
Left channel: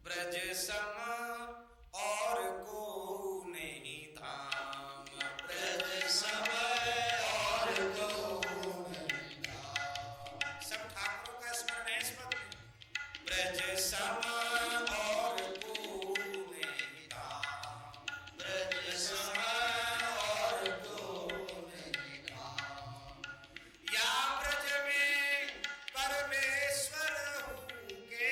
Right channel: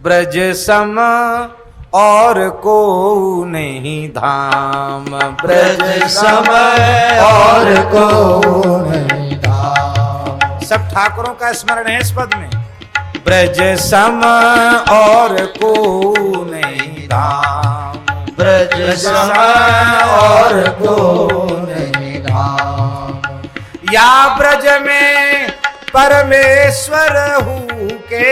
ब्रज सम और को नहीं धाम, ब्रज सम और को नहीं धाम। सब ठाकुरों का स्मरण है इस पद में। ब्रज सम और को नहीं धाम, ब्रज सम और को नहीं धाम। या ब्रज में परमेश्वर हूँ के,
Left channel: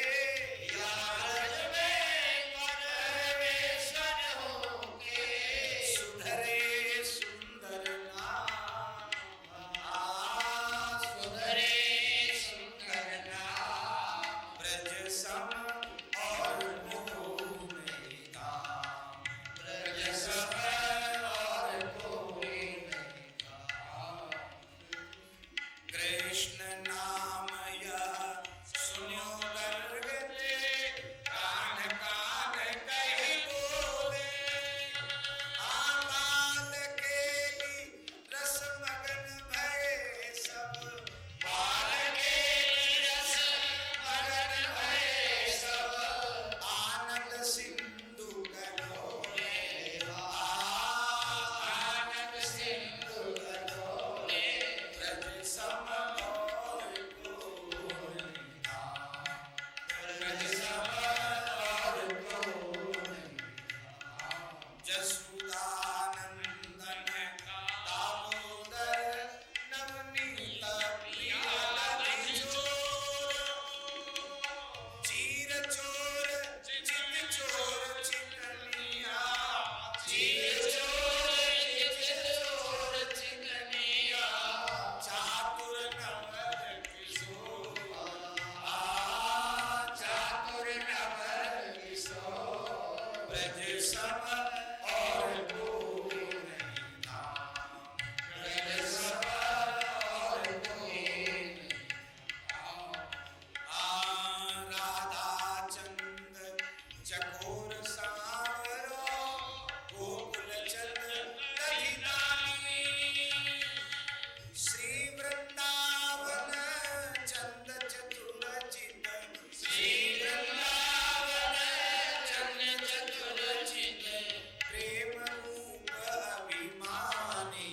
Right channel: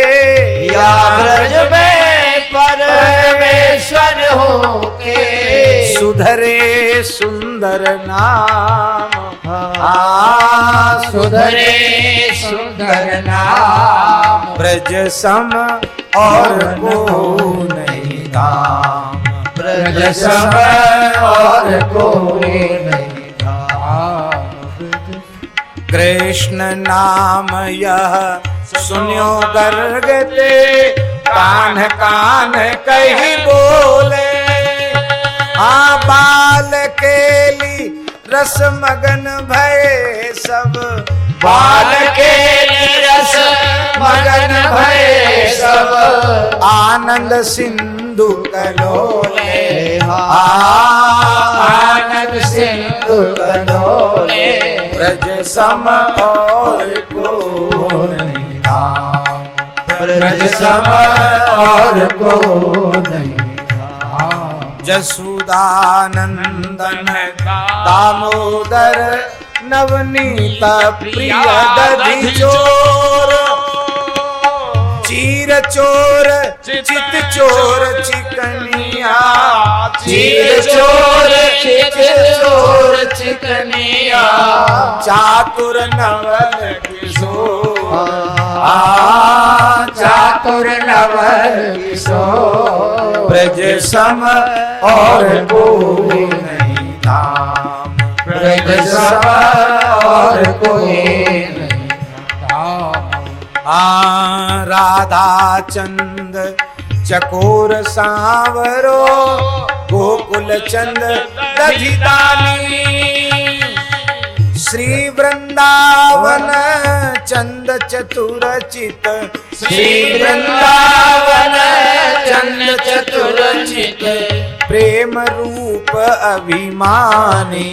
या ब्रज में परमेश्वर हो के, सुधरे सुंदर नाम, सुधरे सुंदर नाम। ब्रज सम और को नहीं धाम, ब्रज सम और को नहीं धाम। कृष्ण नाम यह सुनियो गर्ग ते, कान कान कही बोले। बाल केली रस मगन भय सब, बाल केली रस मगन भय सब। आनंद सिंधु कलोले, आनंद सिंधु कलोले। ब्रज सम और को नहीं धाम, ब्रज सम और को नहीं धाम। जसुदानंदन दामोदर नवनीत प्रिय दधि चोर, चीर चोर चित चोर चिकनिया, चीर चोर चित चोर चिकनिया। चातुर नवल किशोर, चातुर नवल किशोर। ब्रज सम और को नहीं धाम, ब्रज सम और को नहीं धाम। राधा चंद चकोर सांवरो, गोकुल चंद दधिदानी। श्री वृंदावन चंद चतुर चित, श्री वृंदावन चंद चतुर चित। प्रेम रूप अभिमानी,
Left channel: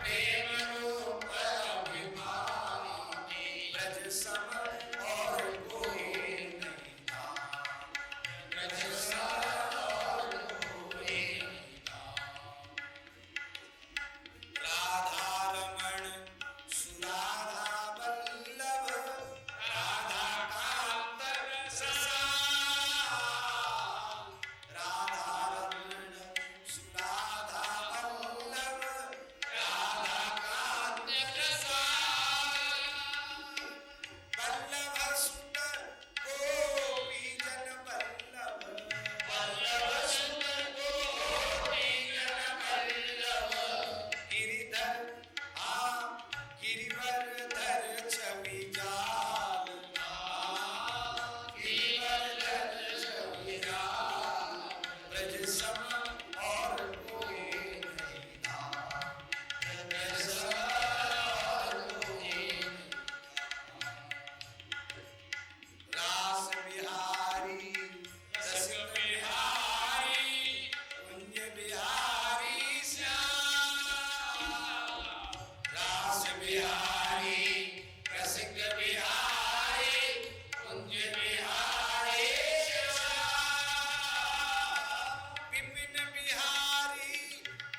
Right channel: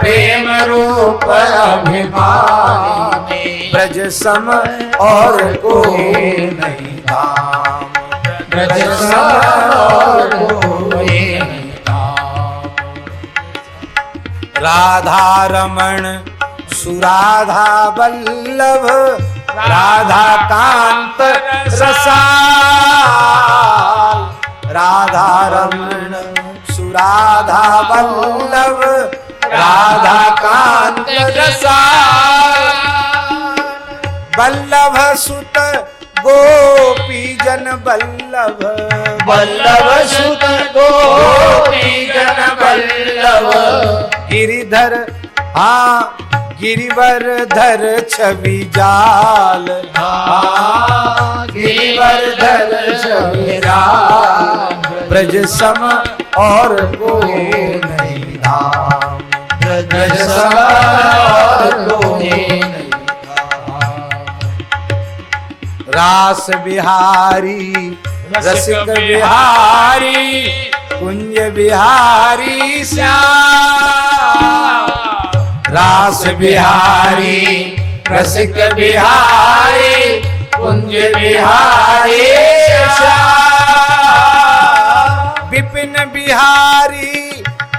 प्रेम रूप अभिमानी। ब्रज सम और को नहीं धाम, ब्रज सम और को नहीं धाम। राधा रमण सुराधा वल्लभ, राधा कांत रसाल। राधा रमण सुराधा वल्लभ, राधा कांत रसाल। वल्लभ सुत गोपी जन वल्लभ, वल्लभ सुत गोपी जन वल्लभ। गिरिधर गिरिवरधर छवि जाल, गिरिवरधर छवि जाल। ब्रज सम और को नहीं धाम, ब्रज सम और को नहीं धाम। रास बिहारी रसिक बिहारी कुंज बिहारी श्याम। रास बिहारी रसिक बिहारी कुंज बिहारी श्याम। विपिन बिहारी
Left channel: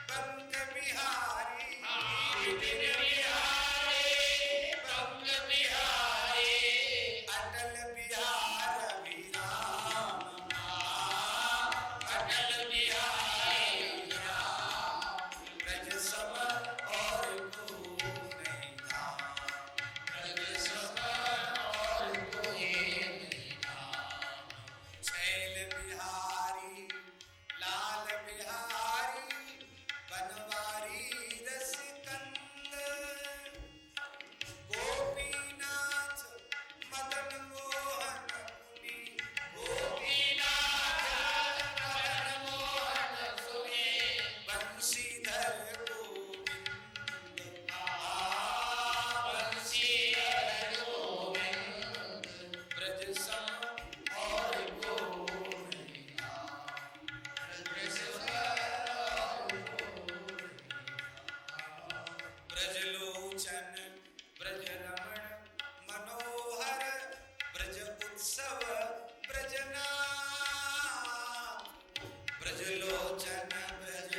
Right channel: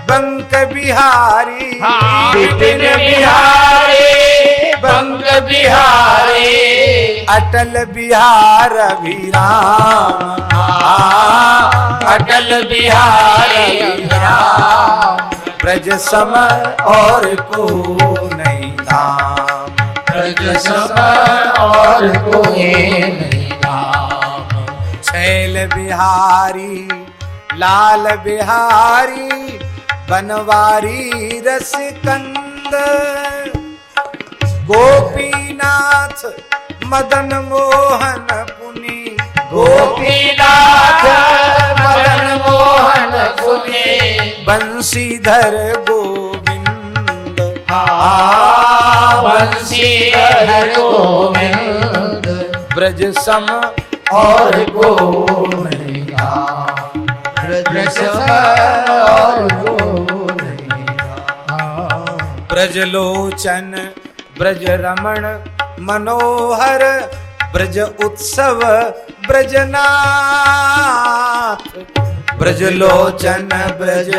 बंक बिहारी विपिन बिहारी बंग बिहारी अटल बिहार अभिराम। अटल बिहारी राम। ब्रज सम और को नहीं धाम। ब्रज सम और कोई नहीं धाम। छैल बिहारी लाल बिहारी बनवारी रसकंद। गोपीनाथ मदन मोहन पुनि गोपीनाथ मदन मोहन पुनि बंशीधर गोविंद। बंशीधर गोविंद ब्रज सम और को नहीं धाम। ब्रज सम और को नहीं धाम। ब्रजलोचन ब्रज रमण मनोहर ब्रज उत्सव ब्रजनाथ। ब्रजलोचन ब्रज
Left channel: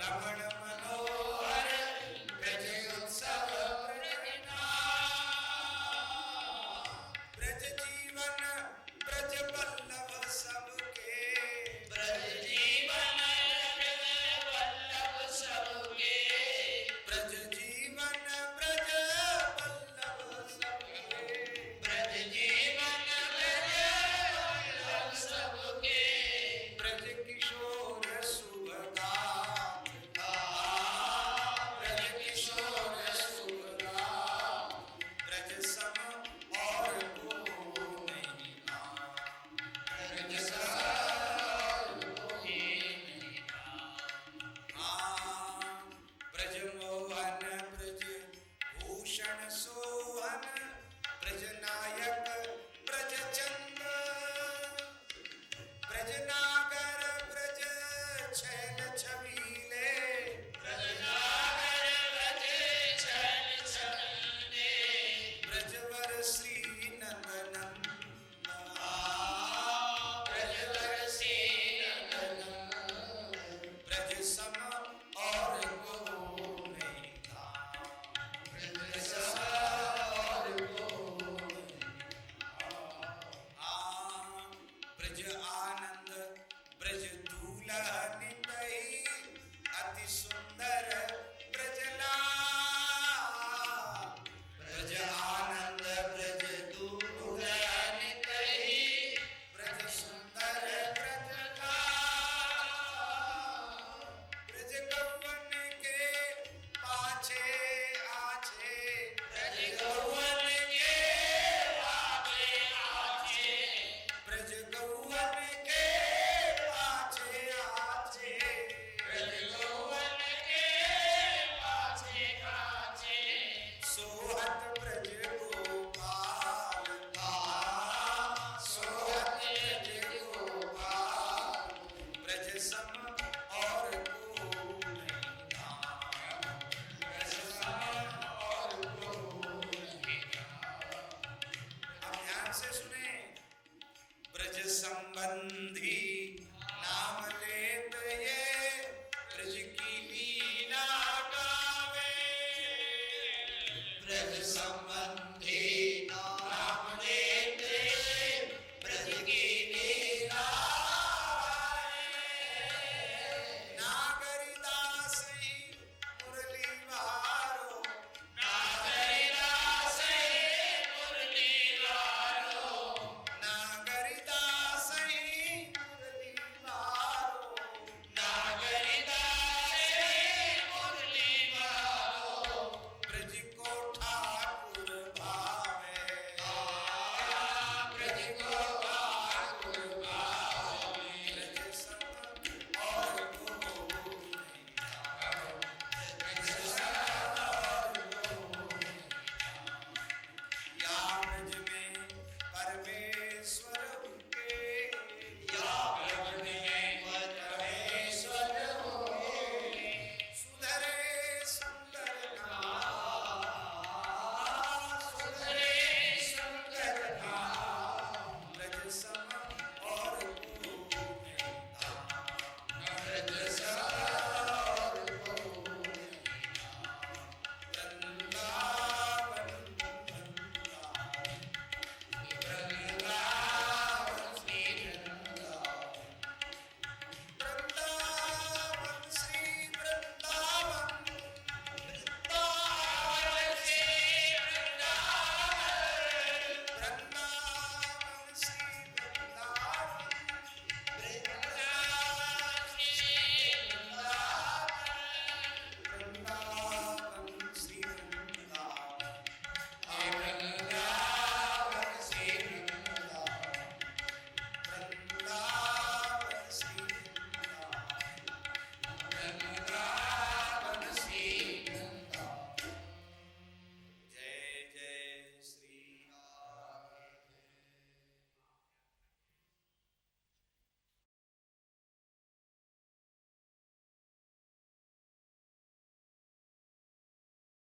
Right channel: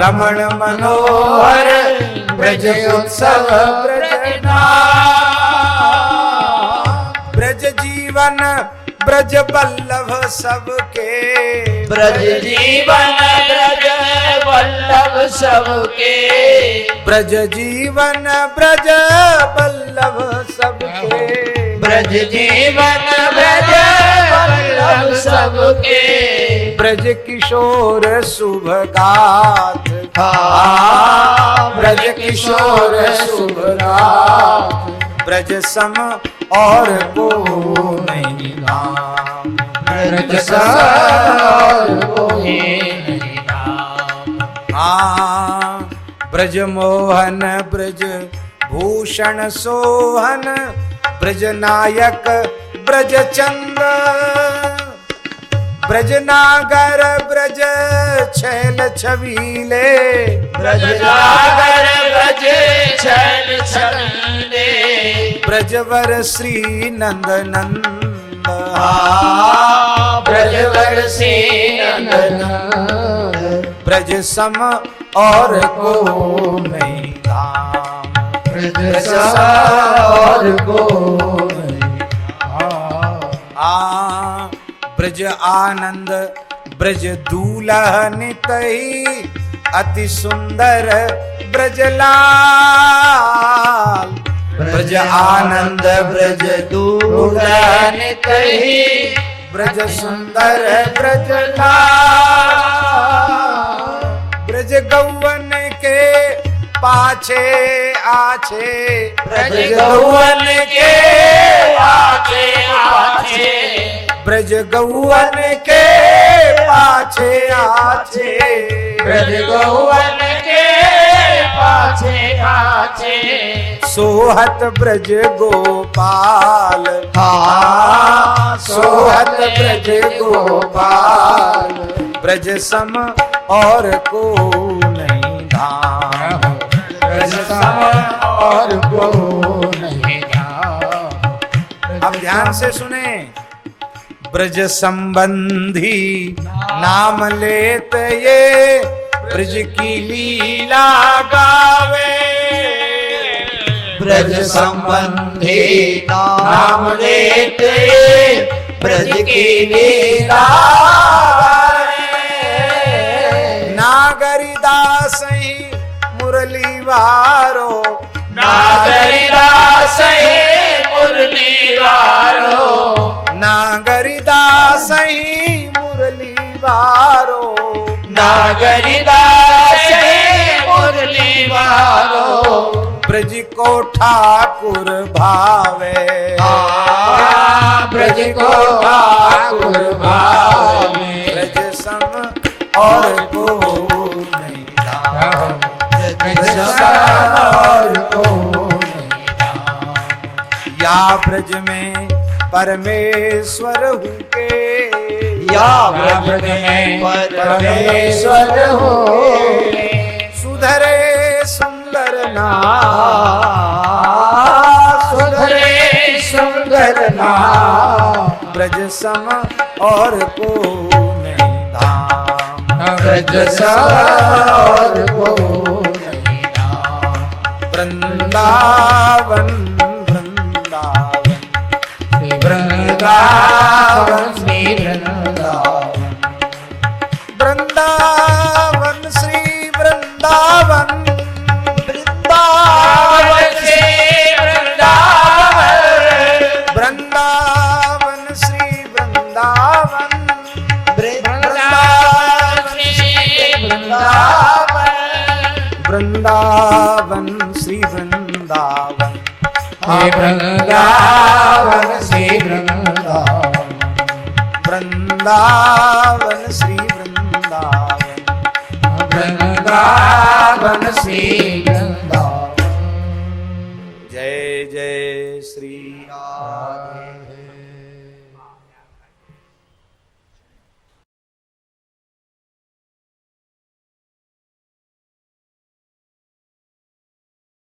रमण मनोहर ब्रज उत्सव ब्रजनाथ। ब्रज जीवन ब्रज बल्लभ सबके। ब्रज जीवन ब्रज वल्लभ सबके। ब्रज जीवन ब्रज बल्लभ सबके। ब्रज जीवन ब्रज वल्लभ सबके। ब्रज किशोर शुभ गाथ। ब्रज किशोर शुभ गाथ। ब्रज सम और को नहीं धाम। ब्रज सम और कोई नहीं धाम। ब्रज मोहन ब्रज भूषण सोहन ब्रज नायक ब्रज चंद। ब्रज नागर ब्रज छैल छबीले। ब्रज नागर ब्रज छैल छबीले। ब्रजवर श्री नंद नंद। ब्रजवर श्री नंद। ब्रज सम और को नहीं धाम। ब्रज सम और को नहीं धाम। ब्रज आनंद ब्रज दूल्हन तही अति सुंदर ब्रजलाल। ब्रज आनंद ब्रज दूल्हन तही ब्रज सुंदर ब्रजलाल। ब्रज गौवन के पाछे आछे। ब्रज गौवन के पाछे आछे। ब्रज गौवन के पाछे आछे। ब्रज गौवन के पाछे आछे। सोहत ब्रज गोपाल। सोहत ब्रज गोपाल। ब्रज सम और को नहीं धाम। ब्रज सम और को नहीं धाम। अब ध्यान से सुने। ब्रज संबंधी नाम लेत ये ब्रज की लीला गावे। ब्रज संबंधी नाम लेते ब्रज की लीला। नागरिदास ही मुरली वारो। नागरिदास ही मुरली वारो। नागरिदास ही मुरली वारो। नागरिदास ही मुरली वारो। ब्रज को ठाकुर भावे। ब्रज को ठाकुर भावे। ब्रज सम और को नहीं धाम। ब्रज सम और को नहीं धाम। या ब्रज में परमेश्वर हूँ के या ब्रज में परमेश्वर हो सुधरे सुंदर सुधरे सुंदर नाम ब्रज सम और को नहीं धाम ब्रज और को नहीं नाम वृंदावन वृंदावन वृंदावन श्री वृंदावन वृंदावन श्री वृंदावन वृंदावन श्री वृंदावन वृंदावन श्री वृंदावन वृंदावन श्री वृंदावन वृंदावन श्री वृंदावन वृंदावन श्री वृंदावन वृंदावन श्री वृंदावन वृंदावन श्री वृंदावन जय जय श्री राधे।